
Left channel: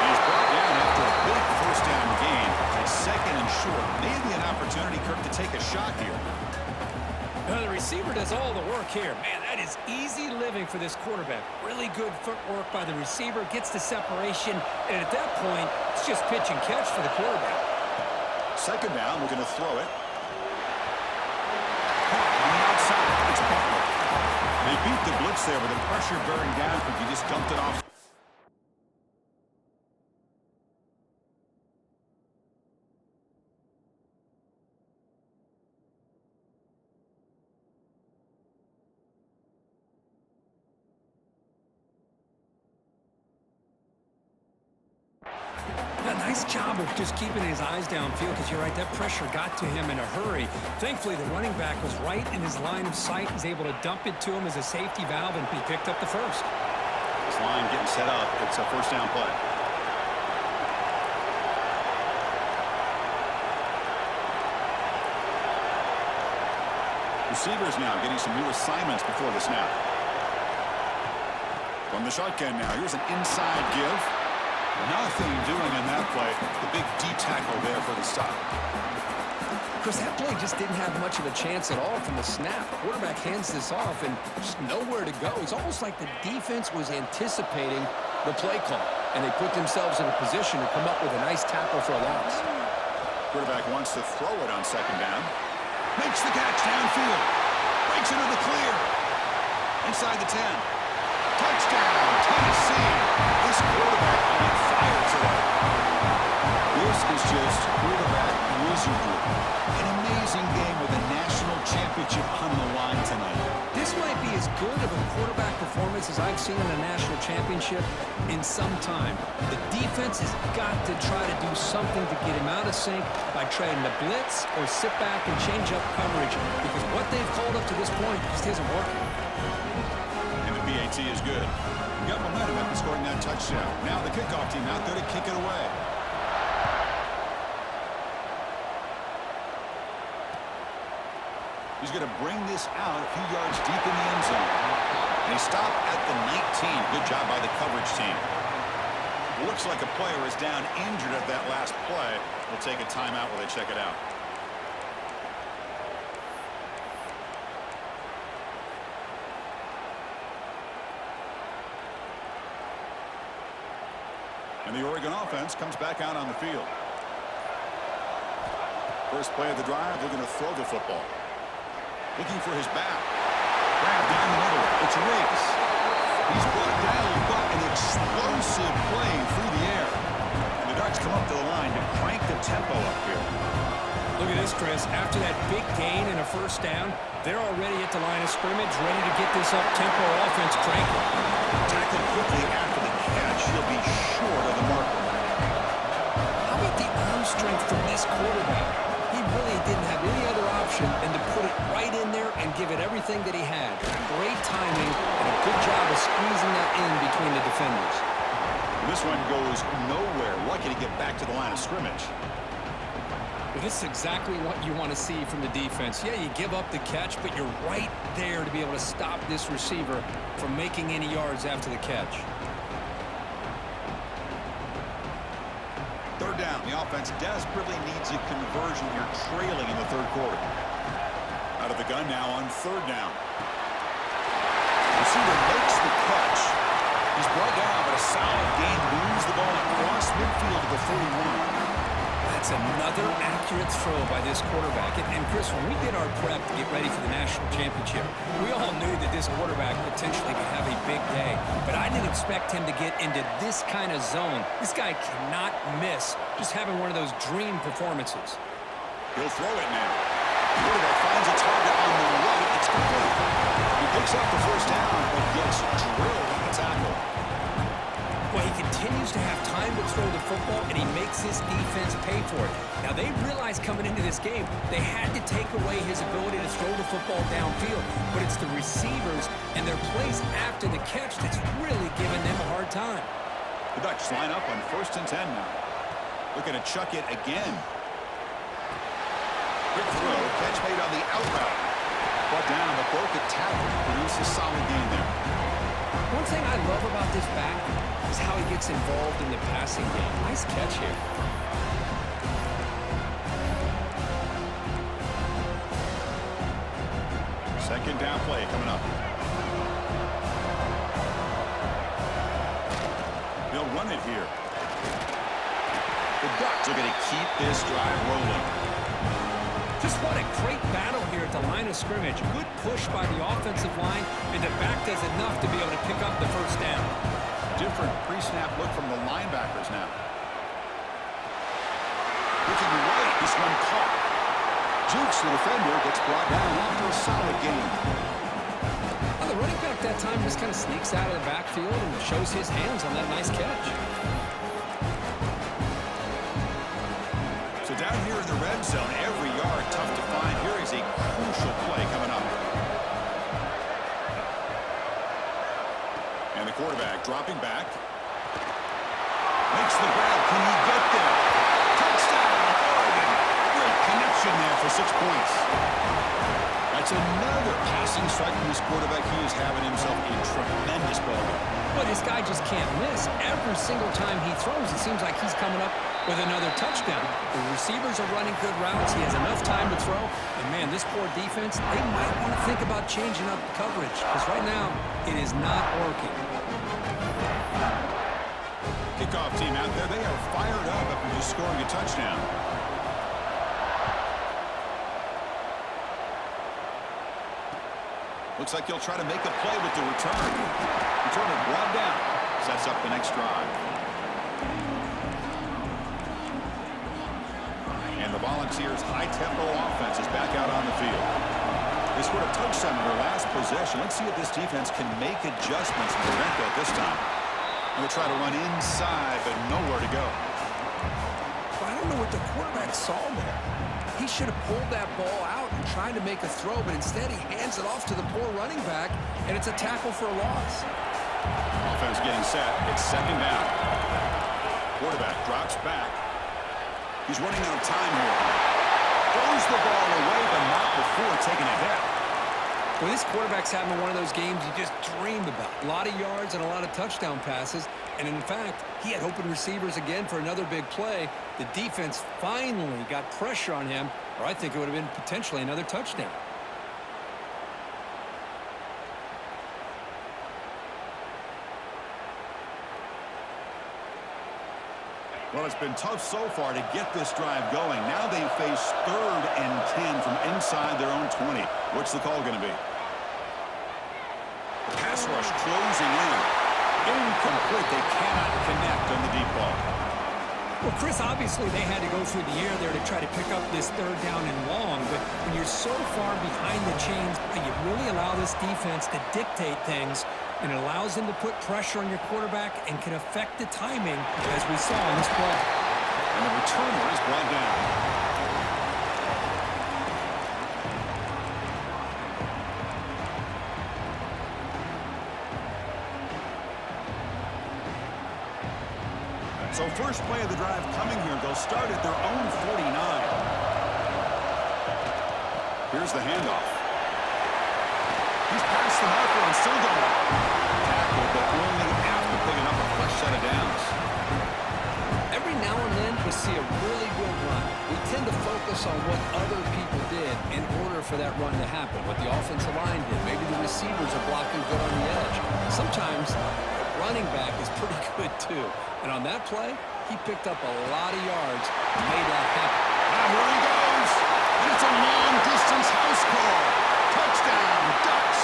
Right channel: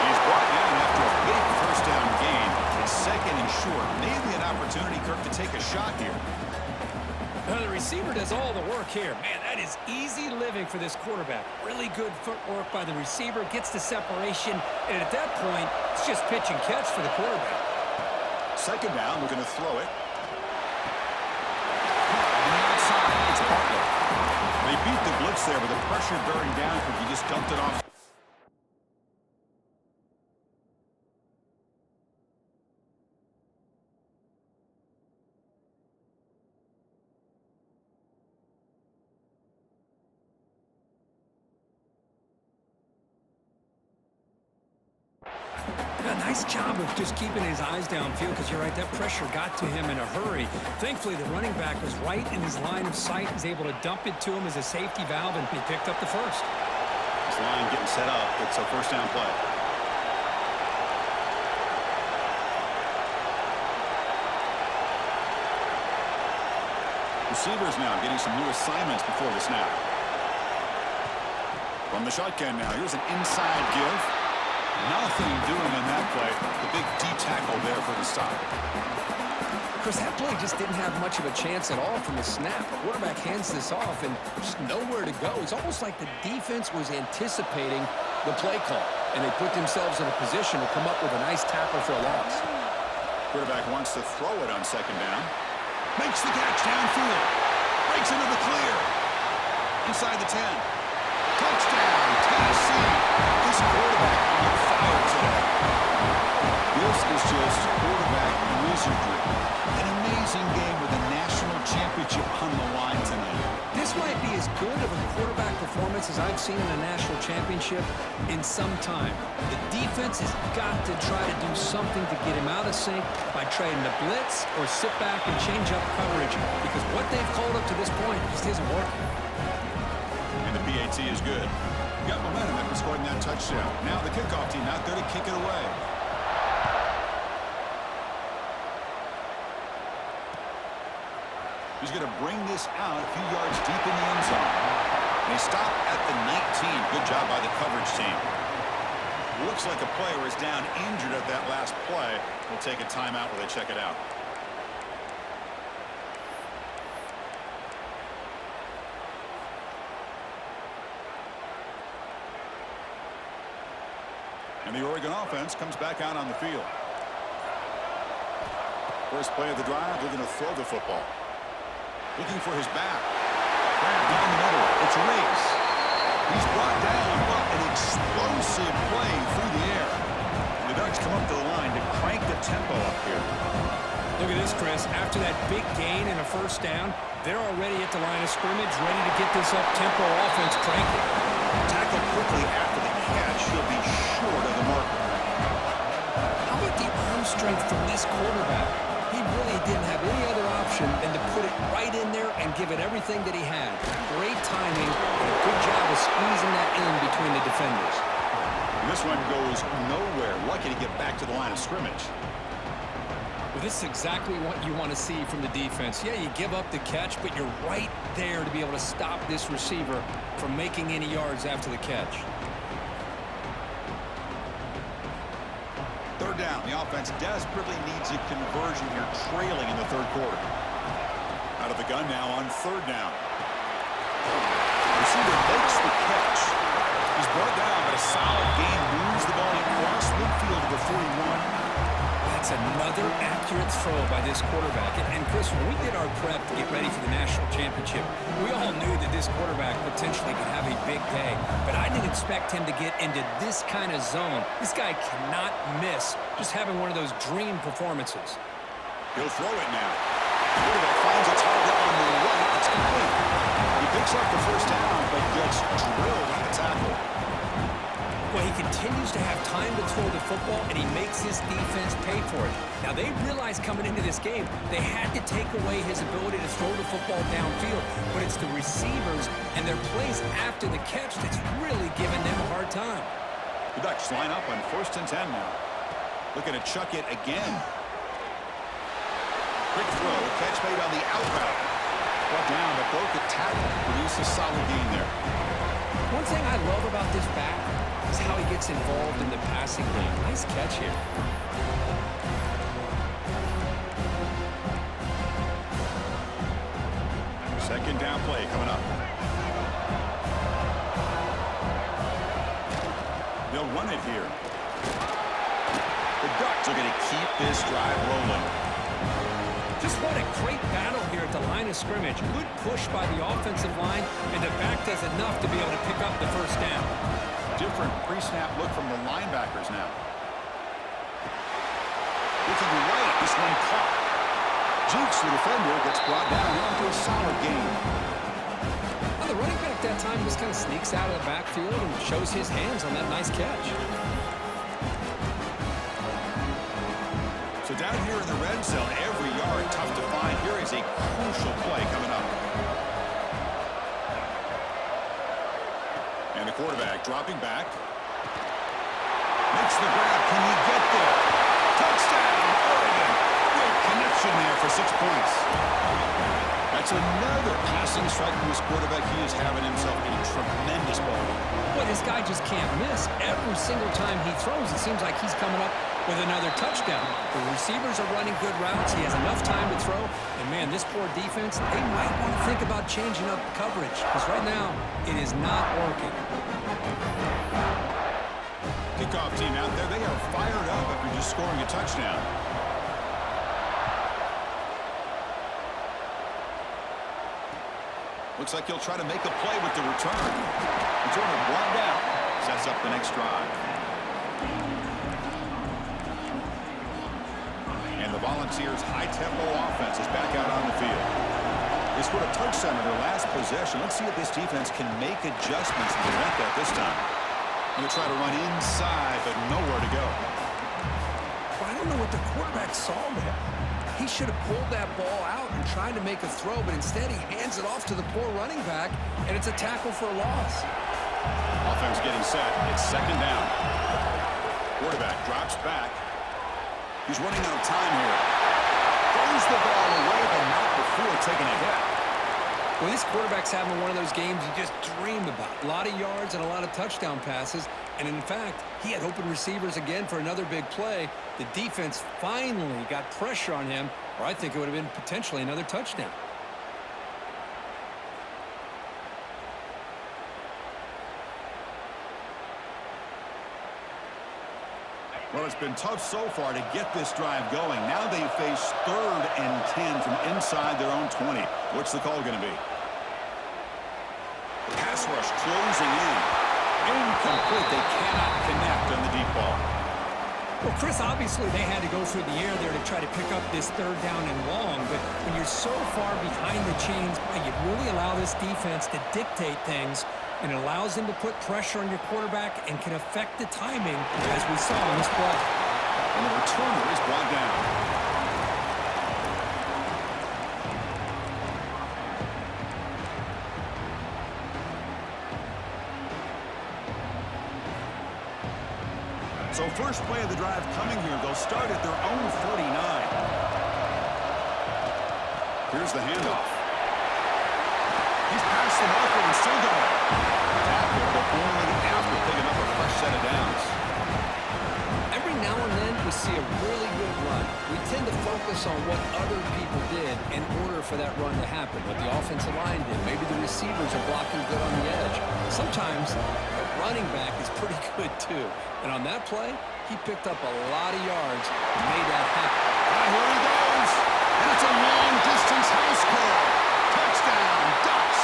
And he's brought down after a big first down gain. It's second and short. Maybe an opportunity, Kirk, to take a shot here. The receiver does all the work here. Man, that is easy living for this quarterback. Really good footwork by the receiver, gets the separation, and at that point, it's just pitch and catch for the quarterback. Second down, looking to throw it. Caught on the outside, it's Butler. They beat the blitz there, but the pressure bearing down, he just dumped it off. A nice job of just keeping his eyes downfield, because you're right, that pressure got to him in a hurry. Thankfully, the running back was right in his line of sight. He's able to dump it to him as a safety valve, and he picked up the first. This line getting set up. It's a first down play. Receivers now getting some new assignments before the snap. From the shotgun now, here's an inside give. Nothing doing in that play. The big D tackle there for the stop. Chris, that play just didn't have much of a chance at all from the snap. Quarterback hands this off and just nowhere to go. It's almost like the defense was anticipating the play call, and they put themselves in a position to come up with a nice tackle for a loss. Quarterback wants to throw it on second down. Makes the catch downfield. Breaks into the clear. Inside the 10. Touchdown, Tennessee. This quarterback on fire today. This is just quarterback wizardry. An amazing game with a national championship on the line tonight. This might be as good of a quarterback performance as I've seen in a national championship in some time. The defense has got to try to do something to get him out of sync by trying to blitz or sit back and change up coverage, because what they've called up to this point just isn't working. PAT is good. Got momentum after scoring that touchdown. Now the kickoff team out there to kick it away. He's going to bring this out a few yards deep in the end zone. And he stopped at the 19. Good job by the coverage team. Looks like a player is down injured at that last play. We'll take a timeout while they check it out. And the Oregon offense comes back out on the field. First play of the drive, they're going to throw the football. Looking for his back. Grab down the middle. It's Riggs. He's brought down, but an explosive play through the air. And the Ducks come up to the line to crank the tempo up here. Look at this, Chris. After that big gain and a first down, they're already at the line of scrimmage, ready to get this up-tempo offense cranking. Tackled quickly after the catch. He'll be short of the marker. How about the arm strength from this quarterback? He really didn't have any other option than to put it right in there and give it everything that he had. Great timing and a good job of squeezing that in between the defenders. And this one goes nowhere. Lucky to get back to the line of scrimmage. Well, this is exactly what you want to see from the defense. Yeah, you give up the catch, but you're right there to be able to stop this receiver from making any yards after the catch. Third down. The offense desperately needs a conversion here, trailing in the third quarter. Out of the gun now on third down. Receiver makes the catch. He's brought down, but a solid gain moves the ball across midfield to the 41. That's another accurate throw by this quarterback. And Chris, when we did our prep to get ready for the national championship, we all knew that this quarterback potentially could have a big day. But I didn't expect him to get into this kind of zone. This guy cannot miss just having one of those dream performances. He'll throw it now. The quarterback finds a target on the right. It's complete. He picks up the first down, but gets drilled on the tackle. Well, he continues to have time to throw the football, and he makes his defense pay for it. Now, they realized coming into this game, they had to take away his ability to throw the football downfield, but it's the receivers and their plays after the catch that's really giving them a hard time. The Ducks line up on 1st and 10 now. Looking to chuck it again. Quick throw, catch made on the out route. Brought down, but broke a tackle to produce a solid gain there. One thing I love about this back is how he gets involved in the passing game. Nice catch here. Second down play coming up. They'll run it here. The Ducks are going to keep this drive rolling. Just what a great battle here at the line of scrimmage. Good push by the offensive line, and the back does enough to be able to pick up the first down. Different pre-snap look from the linebackers now. Looking right, this one caught. Jukes the defender, gets brought down after a solid gain. Well, the running back that time just kind of sneaks out of the backfield and shows his hands on that nice catch. So down here in the red zone, every yard tough to find. Here is a crucial play coming up. And the quarterback dropping back. Makes the grab. Can he get there? Touchdown, Oregon. Great connection there for 6 points. That's another passing strike from this quarterback. He is having himself a tremendous ballgame. But this guy just can't miss. Every single time he throws, it seems like he's coming up with another touchdown. The receivers are running good routes. He has enough time to throw. And, man, this poor defense, they might want to think about changing up coverage because right now it is not working. Kickoff team out there. They are fired up after just scoring a touchdown. Looks like he'll try to make a play with the return. Returner brought down. Sets up the next drive. And the Volunteers' high-tempo offense is back out on the field. They scored a touchdown in their last possession. Let's see if this defense can make adjustments and prevent that this time. Going to try to run inside, but nowhere to go. Well, I don't know what the quarterback saw there. He should have pulled that ball out and tried to make a throw, but instead he hands it off to the poor running back, and it's a tackle for a loss. Offense getting set. It's second down. Quarterback drops back. He's running out of time here. Throws the ball away, but not before taking a hit. Well, this quarterback's having one of those games you just dream about. A lot of yards and a lot of touchdown passes. And in fact, he had open receivers again for another big play. The defense finally got pressure on him, or I think it would have been potentially another touchdown. Well, it's been tough so far to get this drive going. Now they face 3rd and 10 from inside their own 20. What's the call going to be? Pass rush closing in. Incomplete. They cannot connect on the deep ball. Well, Chris, obviously they had to go through the air there to try to pick up this 3rd down and long, but when you're so far behind the chains, you really allow this defense to dictate things, and it allows them to put pressure on your quarterback and can affect the timing, as we saw in this play. And the returner is brought down. So first play of the drive coming here. They'll start at their own 49. Here's the handoff. He's past the marker and still going. Tackled, but only after picking up a fresh set of downs. Every now and then we see a really good run. We tend to focus on what other people did in order for that run to happen, what the offensive line did. Maybe the receivers are blocking good on the edge. Sometimes the running back is pretty good too. And on that play, he picked up a lot of yards and made that happen. Now here he goes. And it's a long-distance house call. Touchdown, Ducks.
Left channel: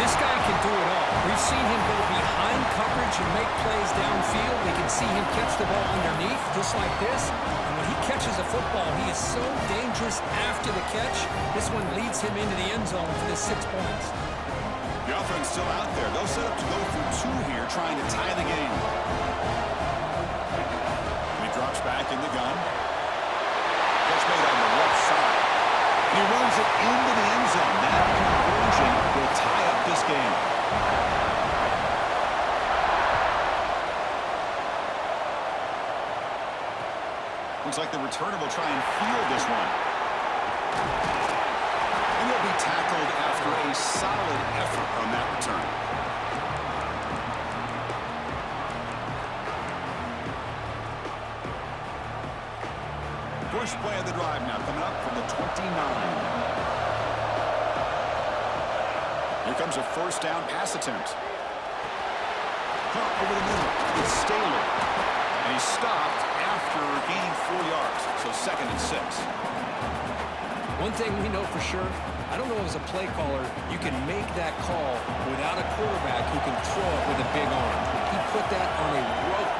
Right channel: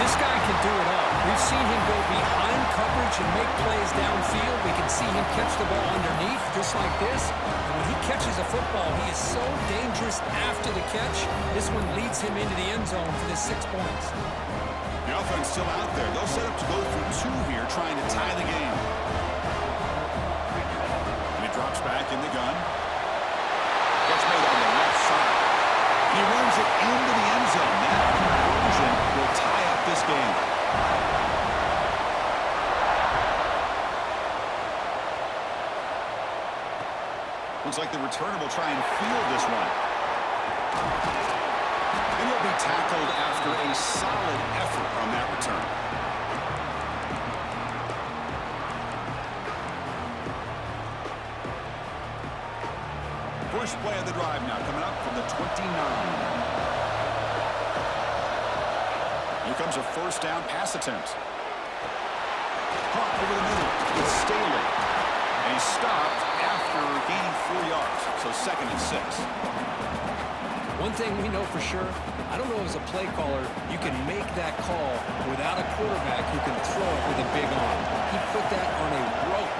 This guy can do it all. We've seen him go behind coverage and make plays downfield. We can see him catch the ball underneath just like this. And when he catches a football, he is so dangerous after the catch. This one leads him into the end zone for the 6 points. The offense still out there. They'll set up to go for 2 here, trying to tie the game. And he drops back in the gun. Catch made on the left side. And he runs it into the end zone. That conversion will tie up this game. Looks like the returner will try and field this one. And he'll be tackled after a solid effort on that return. First play of the drive now coming up from the 29. Here comes a first down pass attempt. Caught over the middle. It's Staley. And he's stopped after gaining 4 yards. So 2nd and 6. One thing we know for sure, I don't know as a play caller, you can make that call without a quarterback who can throw it with a big arm. He put that on a rope.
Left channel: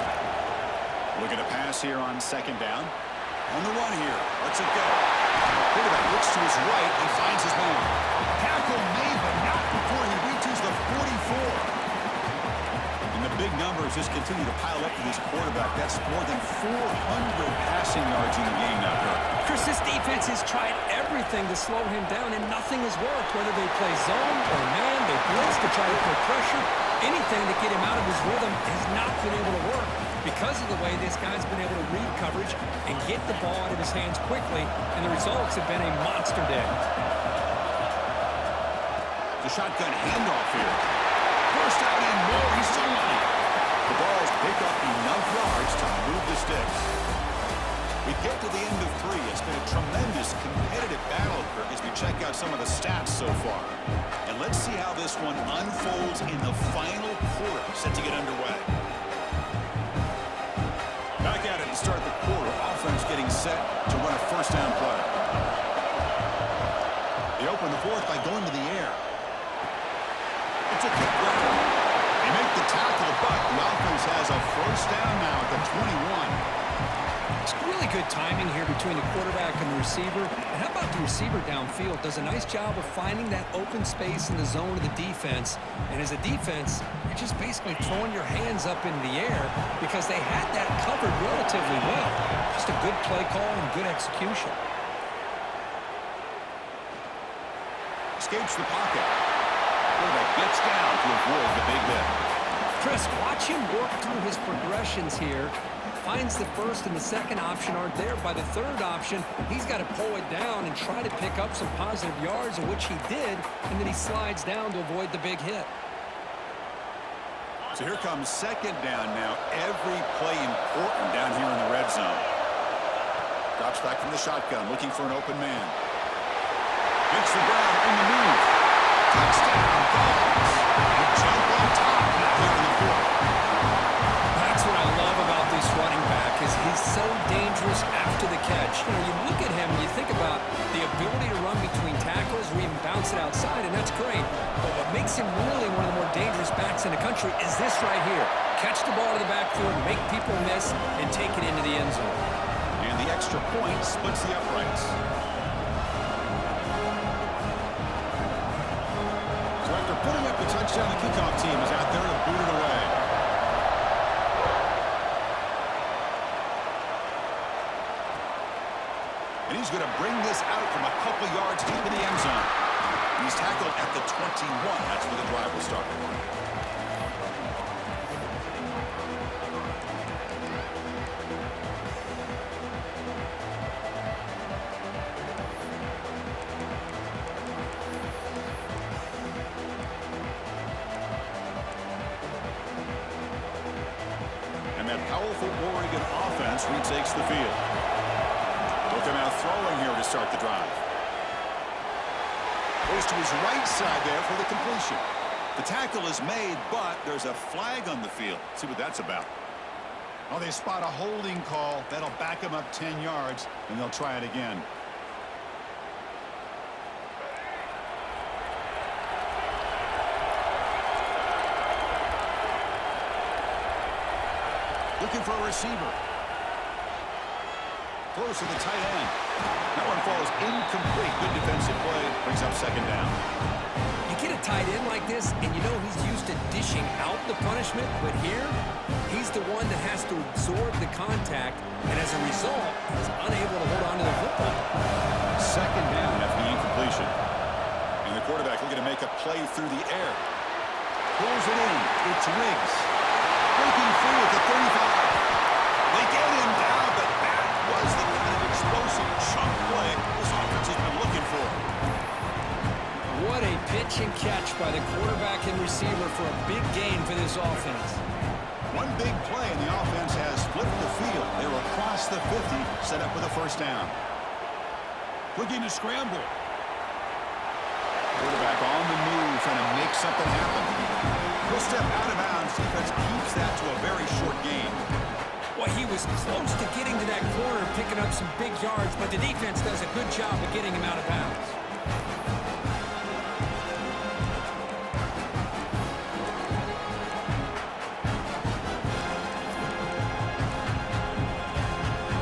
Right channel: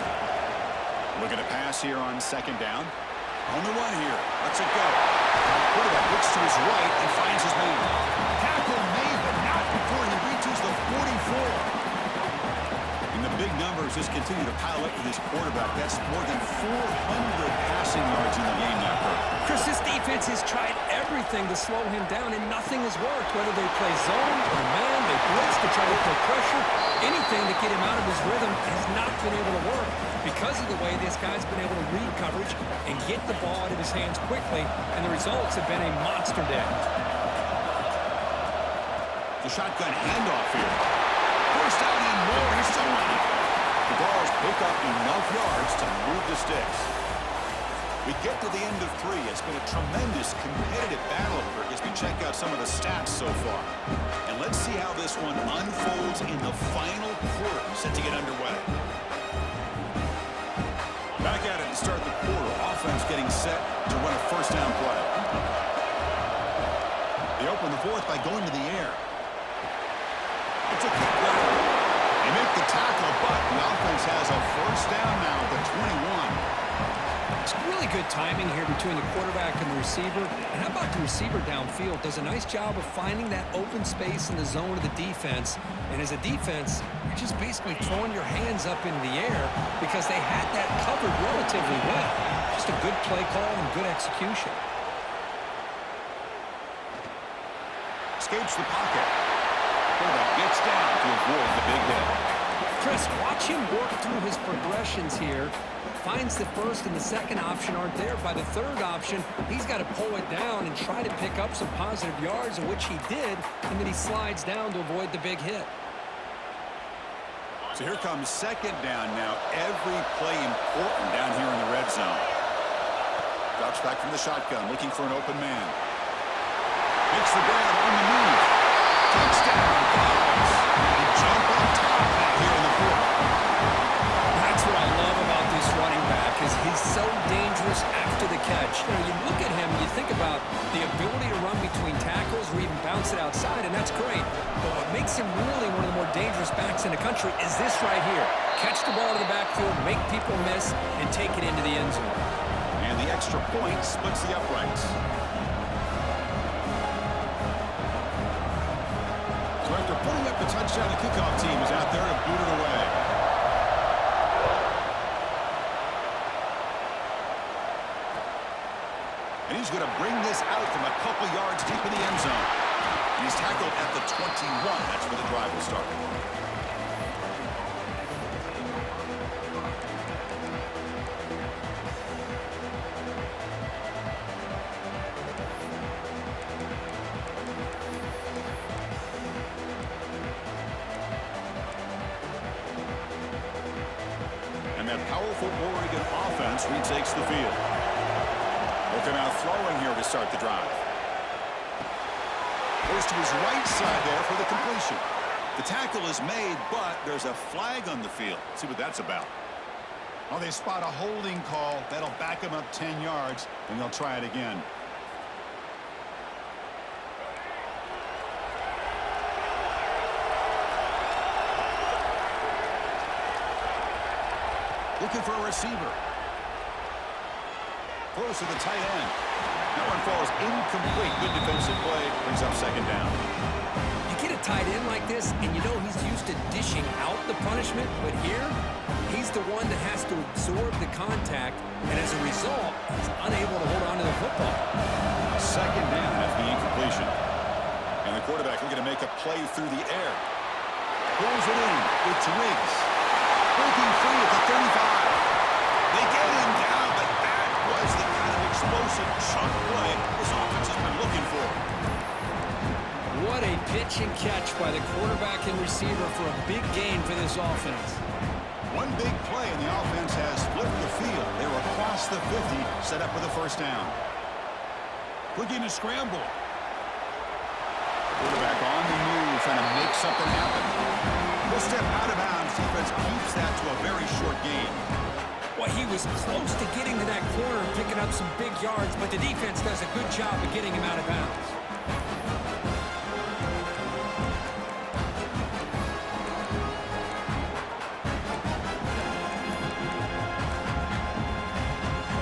Look at a pass here on 2nd down. On the run here. Let's it go. Quarterback looks to his right and finds his man. Tackle made, but not before he reaches the 44. And the big numbers just continue to pile up for this quarterback. That's more than 400 passing yards in the game now, Kirk. Chris, this defense has tried everything to slow him down, and nothing has worked. Whether they play zone or man, they blitz to try to put pressure. Anything to get him out of his rhythm has not been able to work because of the way this guy's been able to read coverage and get the ball out of his hands quickly, and the results have been a monster day. The shotgun handoff here. First down and more. He's still running. The Balls pick up enough yards to move the sticks. We get to the end of 3. It's been a tremendous competitive battle, Kirk, as we check out some of the stats so far. And let's see how this one unfolds in the final quarter, set to get underway. Back at it to start the quarter. Offense getting set to run a first down play. They open the 4th by going to the air. It's a kick grab. They make the tackle, but the offense has a first down now at the 21. It's really good timing here between the quarterback and the receiver. And how about the receiver downfield? Does a nice job of finding that open space in the zone of the defense. And as a defense, you're just basically throwing your hands up in the air because they had that covered relatively well. Just a good play call and good execution. Escapes the pocket. Quarterback gets down to avoid the big hit. Chris, watch him work through his progressions here. Finds the first and the second option aren't there. By the third option, he's got to pull it down and try to pick up some positive yards, of which he did, and then he slides down to avoid the big hit. So here comes 2nd down now. Every play important down here in the red zone. Drops back from the shotgun, looking for an open man. Makes the grab on the move. Touchdown, Balls. They jump on top now here in the 4th. That's what I love about this running back is he's so dangerous after the catch. You know, you look at him, you think about the ability to run between tackles or even bounce it outside, and that's great. But what makes him really one of the more dangerous backs in the country is this right here. Catch the ball to the backfield, make people miss, and take it into the end zone. And the extra point splits the uprights. So after putting up the touchdown, the kickoff team is out there to boot it away. And he's going to bring this out from a couple yards deep in the end zone. He's tackled at the 21. That's where the drive will start. And that powerful Oregon offense retakes the field. Look him out throwing here to start the drive. Goes to his right side there for the completion. The tackle is made, but there's a flag on the field. See what that's about. Oh, they spot a holding call. That'll back him up 10 yards, and they'll try it again. Looking for a receiver. Close to the tight end. That one falls incomplete. Good defensive play. Brings up 2nd down. You get a tight end like this, and you know he's used to dishing out the punishment, but here, he's the one that has to absorb the contact, and as a result, he's unable to hold on to the football. 2nd down after the incompletion. And the quarterback looking to make a play through the air. Pulls it in. It's Riggs. Breaking free at the 35. They get him down, but that was the kind of explosive chunk play this offense has been looking for. What a pitch and catch by the quarterback and receiver for a big gain for this offense. One big play and the offense has flipped the field. They were across the 50, set up with a first down. Looking to scramble. Quarterback on the move, trying to make something happen. He'll step out of bounds. Defense keeps that to a very short gain. Well, he was close to getting to that corner, picking up some big yards, but the defense does a good job of getting him out of bounds.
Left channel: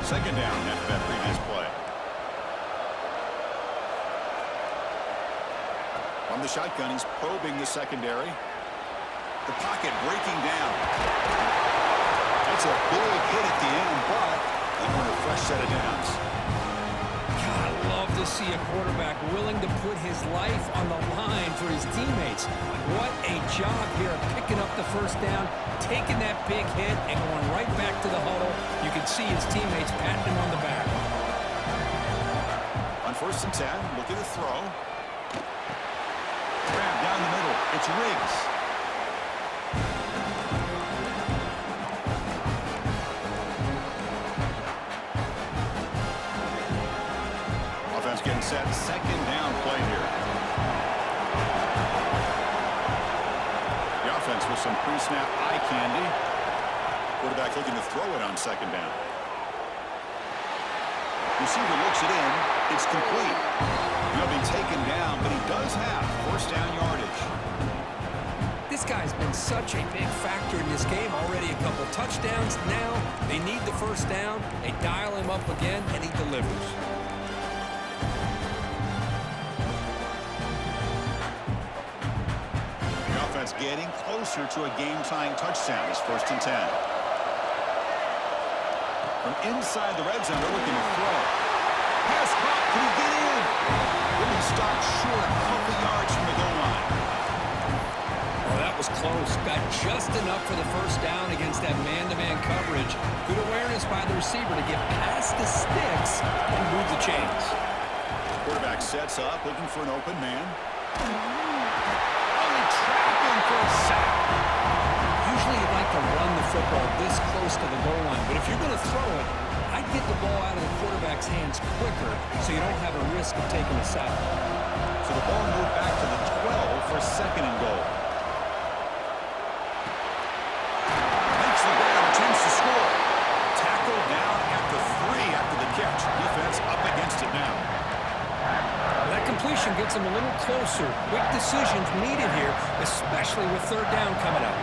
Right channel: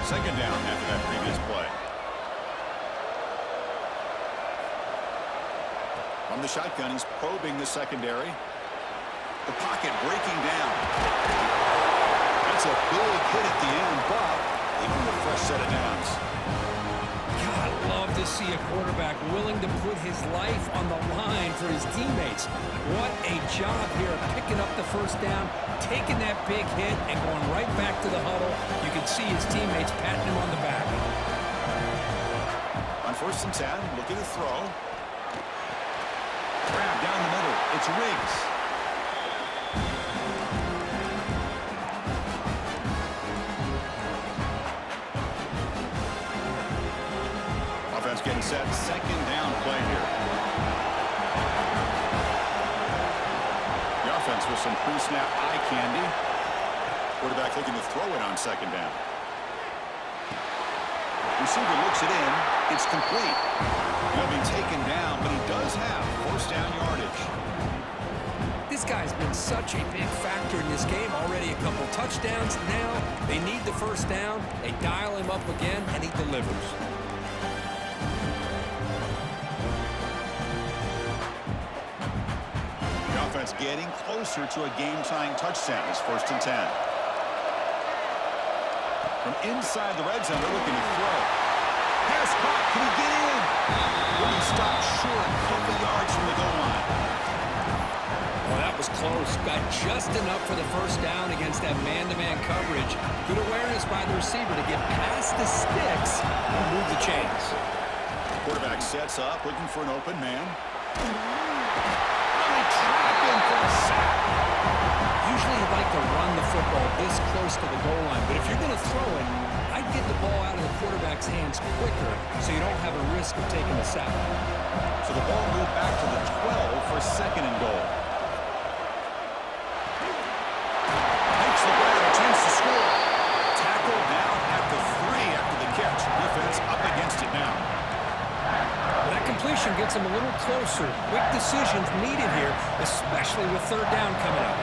Second down after that previous play. From the shotgun, he's probing the secondary. The pocket breaking down. That's a big hit at the end, but they earn a fresh set of downs. God, I love to see a quarterback willing to put his life on the line for his teammates. What a job here of picking up the first down, taking that big hit, and going right back to the huddle. You can see his teammates patting him on the back. On 1st and 10, looking to throw. Grab down the middle. It's Riggs. Offense getting set. Second down play here. The offense with some pre-snap eye candy. Quarterback looking to throw it on second down. Receiver looks it in. It's complete. He'll be taken down, but he does have first down yardage. This guy's been such a big factor in this game. Already a couple touchdowns. Now they need the first down. They dial him up again, and he delivers. The offense getting closer to a game-tying touchdown. It's 1st and 10. From inside the red zone, they're looking to throw. Pass caught. Can he get in? He'll be stopped short a couple yards from the goal line. Oh, that was close. Got just enough for the first down against that man-to-man coverage. Good awareness by the receiver to get past the sticks and move the chains. Quarterback sets up, looking for an open man. Oh, they trap him for a sack. Usually you'd like to run the football this close to the goal line, but if you're going to throw it, I'd get the ball out of the quarterback's hands quicker so you don't have a risk of taking a sack. So the ball moved back to the 12 for second and goal. Makes the grab, a chance to score. Tackled down at the 3 after the catch. Defense up against it now. Well, that completion gets him a little closer. Quick decisions needed here, especially with third down coming up.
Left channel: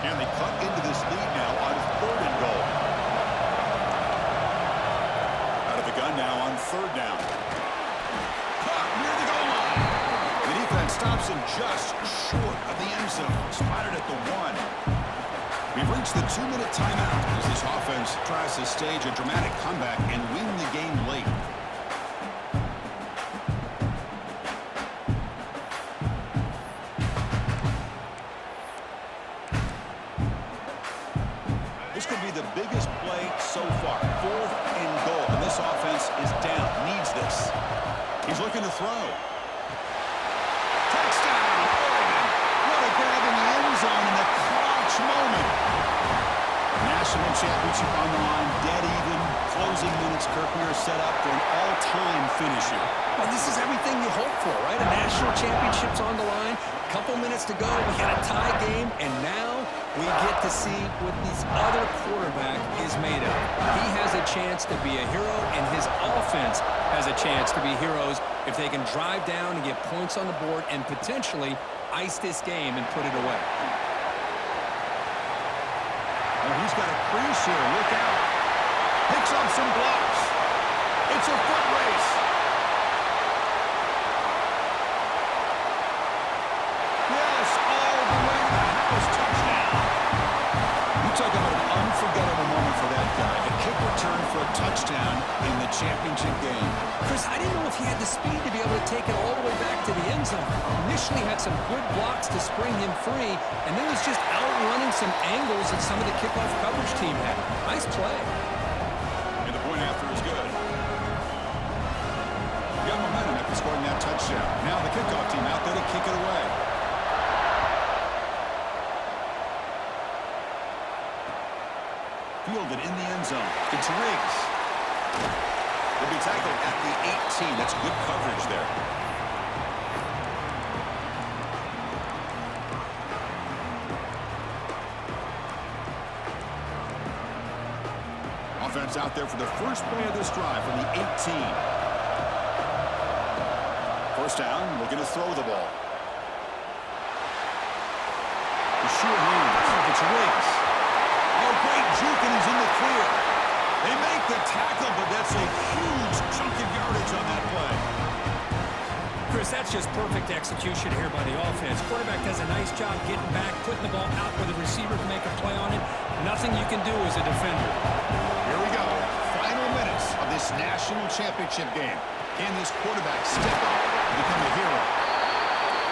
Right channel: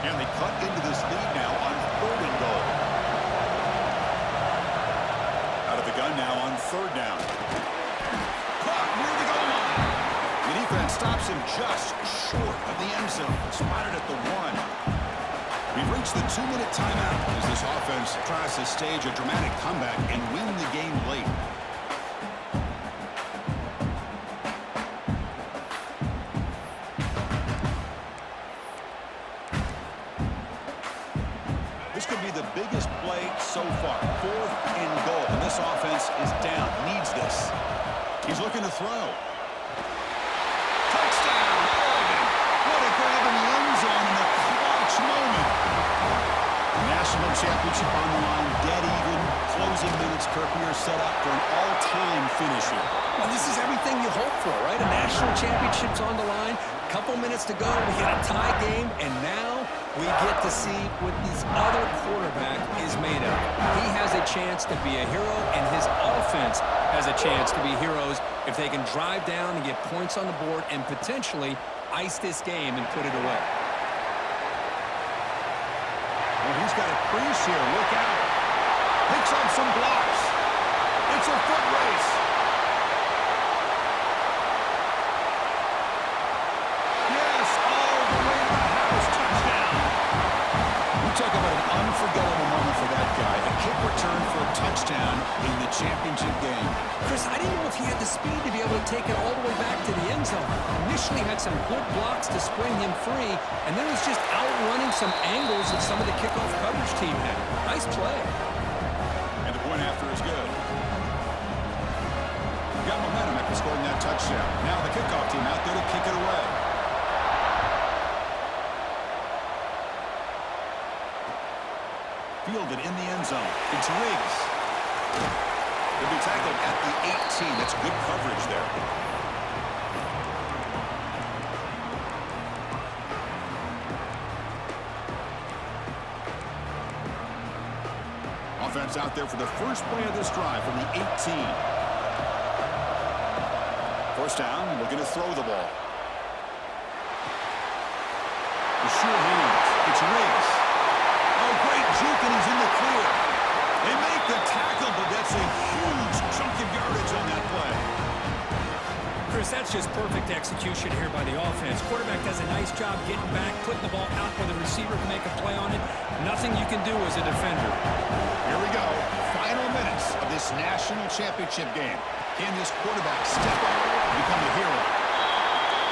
And they cut into this lead now on 3rd and goal. Out of the gun now on 3rd down. Caught near the goal line. The defense stops him just short of the end zone. Spotted at the 1. We've reached the 2-minute timeout as this offense tries to stage a dramatic comeback and win the game late. This could be the biggest play so far. 4th and goal. And this offense is down. Needs this. He's looking to throw. Touchdown, Oregon. What a grab in the end zone in a clutch moment. National championship on the line. Dead even. Closing minutes. Kirk, we are set up for an all-time finish here. Well, this is everything you hope for, right? A national championship's on the line. Couple minutes to go. We got a tie game, and now we get to see what this other quarterback is made of. He has a chance to be a hero, and his offense has a chance to be heroes if they can drive down and get points on the board and potentially ice this game and put it away. Oh, he's got a crease here. Look out. Picks up some blocks. It's a foot race. Yes, all the way to the Talk about an unforgettable moment for that guy. A kick return for a touchdown in the championship game. Chris, I didn't know if he had the speed to be able to take it all the way back to the end zone. Initially had some good blocks to spring him free, and then was just outrunning some angles that some of the kickoff coverage team had. Nice play. And the point after is good. Got momentum after scoring that touchdown. Now the kickoff team out there to kick it away. Fielded in the end zone. It's Riggs. They'll be tackled at the 18. That's good coverage there. Offense out there for the first play of this drive from the 18. First down, looking to throw the ball. The sure hands. It's Riggs. Oh, great juke, and he's in the clear. They make the tackle, but that's a huge chunk of yardage on that play. Chris, that's just perfect execution here by the offense. Quarterback does a nice job getting back, putting the ball out where the receiver can make a play on it. Nothing you can do as a defender. Here we go. Final minutes of this national championship game. Can this quarterback step up and become a hero?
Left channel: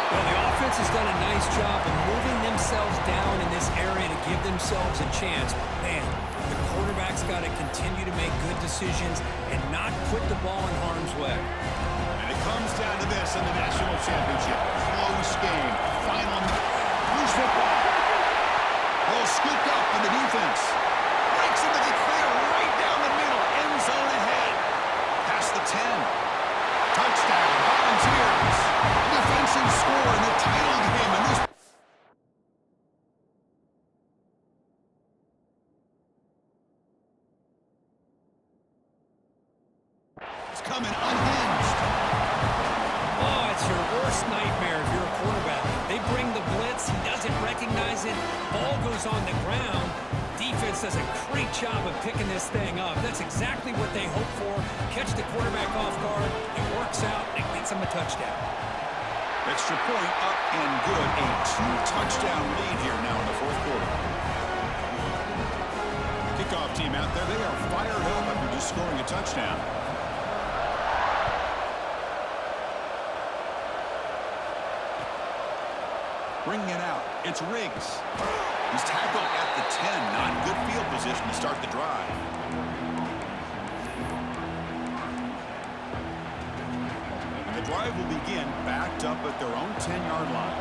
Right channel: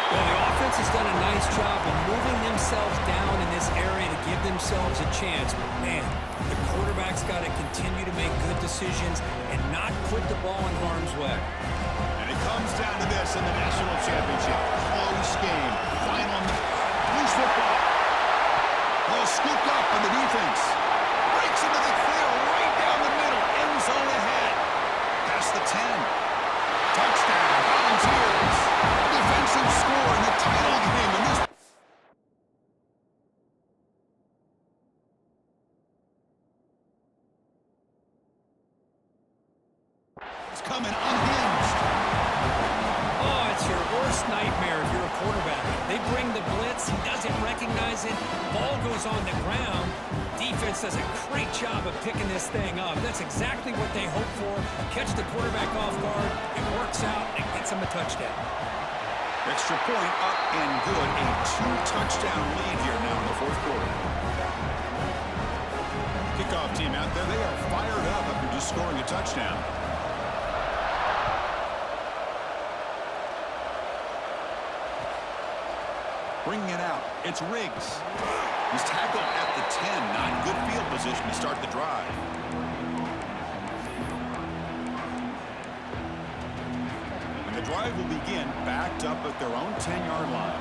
Well, the offense has done a nice job of moving themselves down in this area to give themselves a chance. But, man, the quarterback's got to continue to make good decisions and not put the ball in harm's way. And it comes down to this in the national championship. Close game. Final loose football. Ball scooped up on the defense. Breaks into the clear right down the middle. End zone ahead. Past the 10. Touchdown, Volunteers. A defensive score in the title game. And this is coming unhinged. Oh, it's your worst nightmare if you're a quarterback. They bring the blitz. He doesn't recognize it. Ball goes on the ground. Defense does a great job of picking this thing up. That's exactly what they hope for. Catch the quarterback off guard. It works out. It gets them a touchdown. Extra point up and good. A 2-touchdown lead here now in the fourth quarter. Kickoff team out there. They are fired up after just scoring a touchdown. Bringing it out. It's Riggs. He's tackled at the 10. Not good field position to start the drive. And the drive will begin backed up at their own 10-yard line.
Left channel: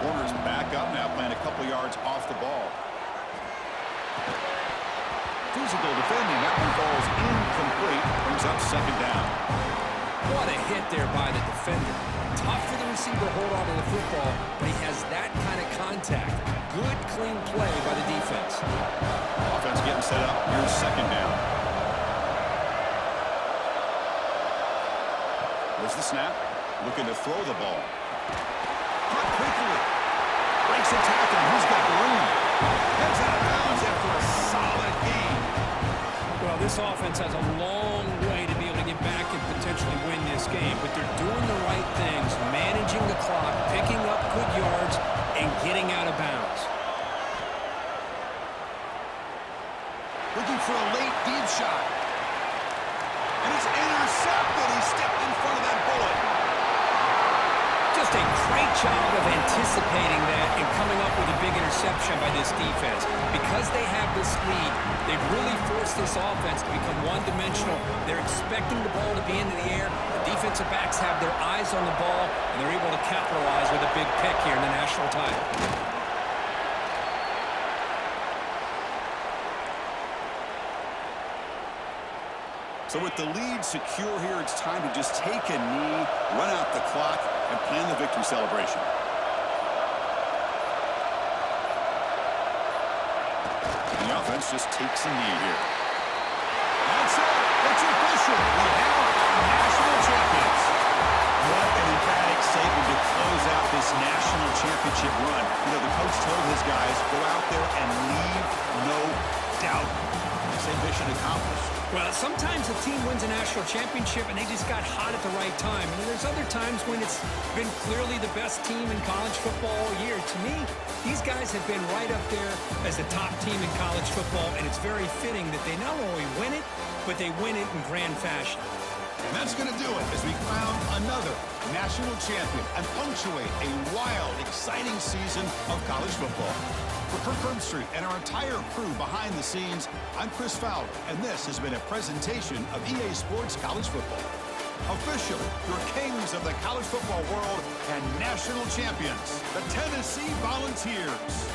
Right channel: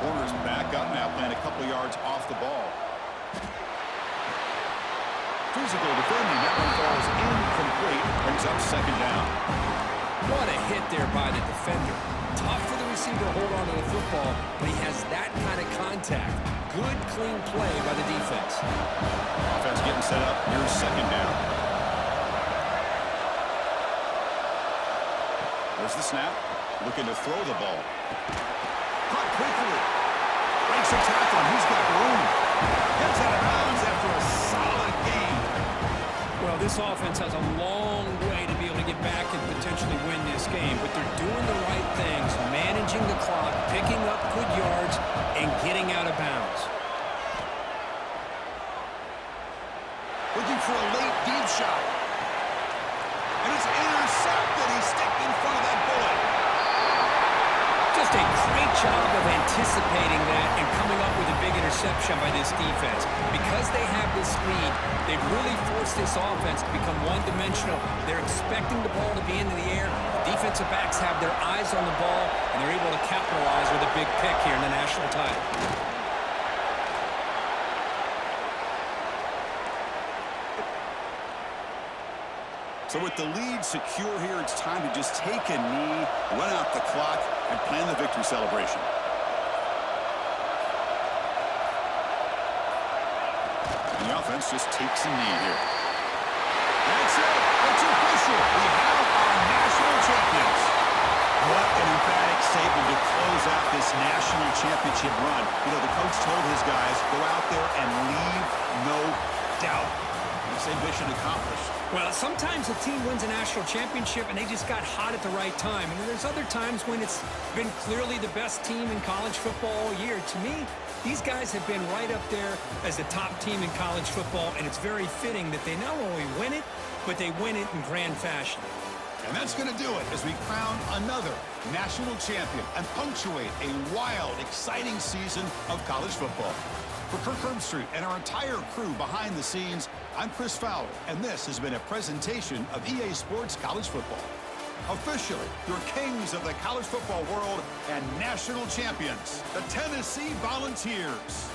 Corners back up now, playing a couple yards off the ball. Physical defending. That one falls incomplete. Brings up second down. What a hit there by the defender. Tough for the receiver to hold on to the football, but he has that kind of contact. Good, clean play by the defense. Offense getting set up. Here's second down. There's the snap. Looking to throw the ball. Caught quickly. Breaks a tackle. He's got room. Heads out of bounds after a solid gain. Well, this offense has a long way to be able to get back and potentially win this game, but they're doing the right things, managing the clock, picking up good yards, and getting out of bounds. Looking for a late deep shot. And it's intercepted. He stepped in front of that bullet. Just a great job of anticipating that and coming up with a big interception by this defense. Because they have this lead, they've really forced this offense to become one-dimensional. They're expecting the ball to be into the air. The defensive backs have their eyes on the ball, and they're able to capitalize with a big pick here in the national title. So with the lead secure here, it's time to just take a knee, run out the clock, and plan the victory celebration. And the offense just takes a knee here. That's it. It's official. We have our national champions. What an emphatic statement to close out this national championship run. You know, the coach told his guys, go out there and leave no doubt. They say mission accomplished. Well, sometimes a team wins a national championship and they just got hot at the right time. And there's other times when it's been clearly the best team in college football all year. To me, these guys have been right up there as the top team in college football, and it's very fitting that they not only win it, but they win it in grand fashion. And that's going to do it as we crown another national champion and punctuate a wild, exciting season of college football. For Kirk Herbstreit and our entire crew behind the scenes, I'm Chris Fowler, and this has been a presentation of EA Sports College Football. Officially, your kings of the college football world and national champions, the Tennessee Volunteers.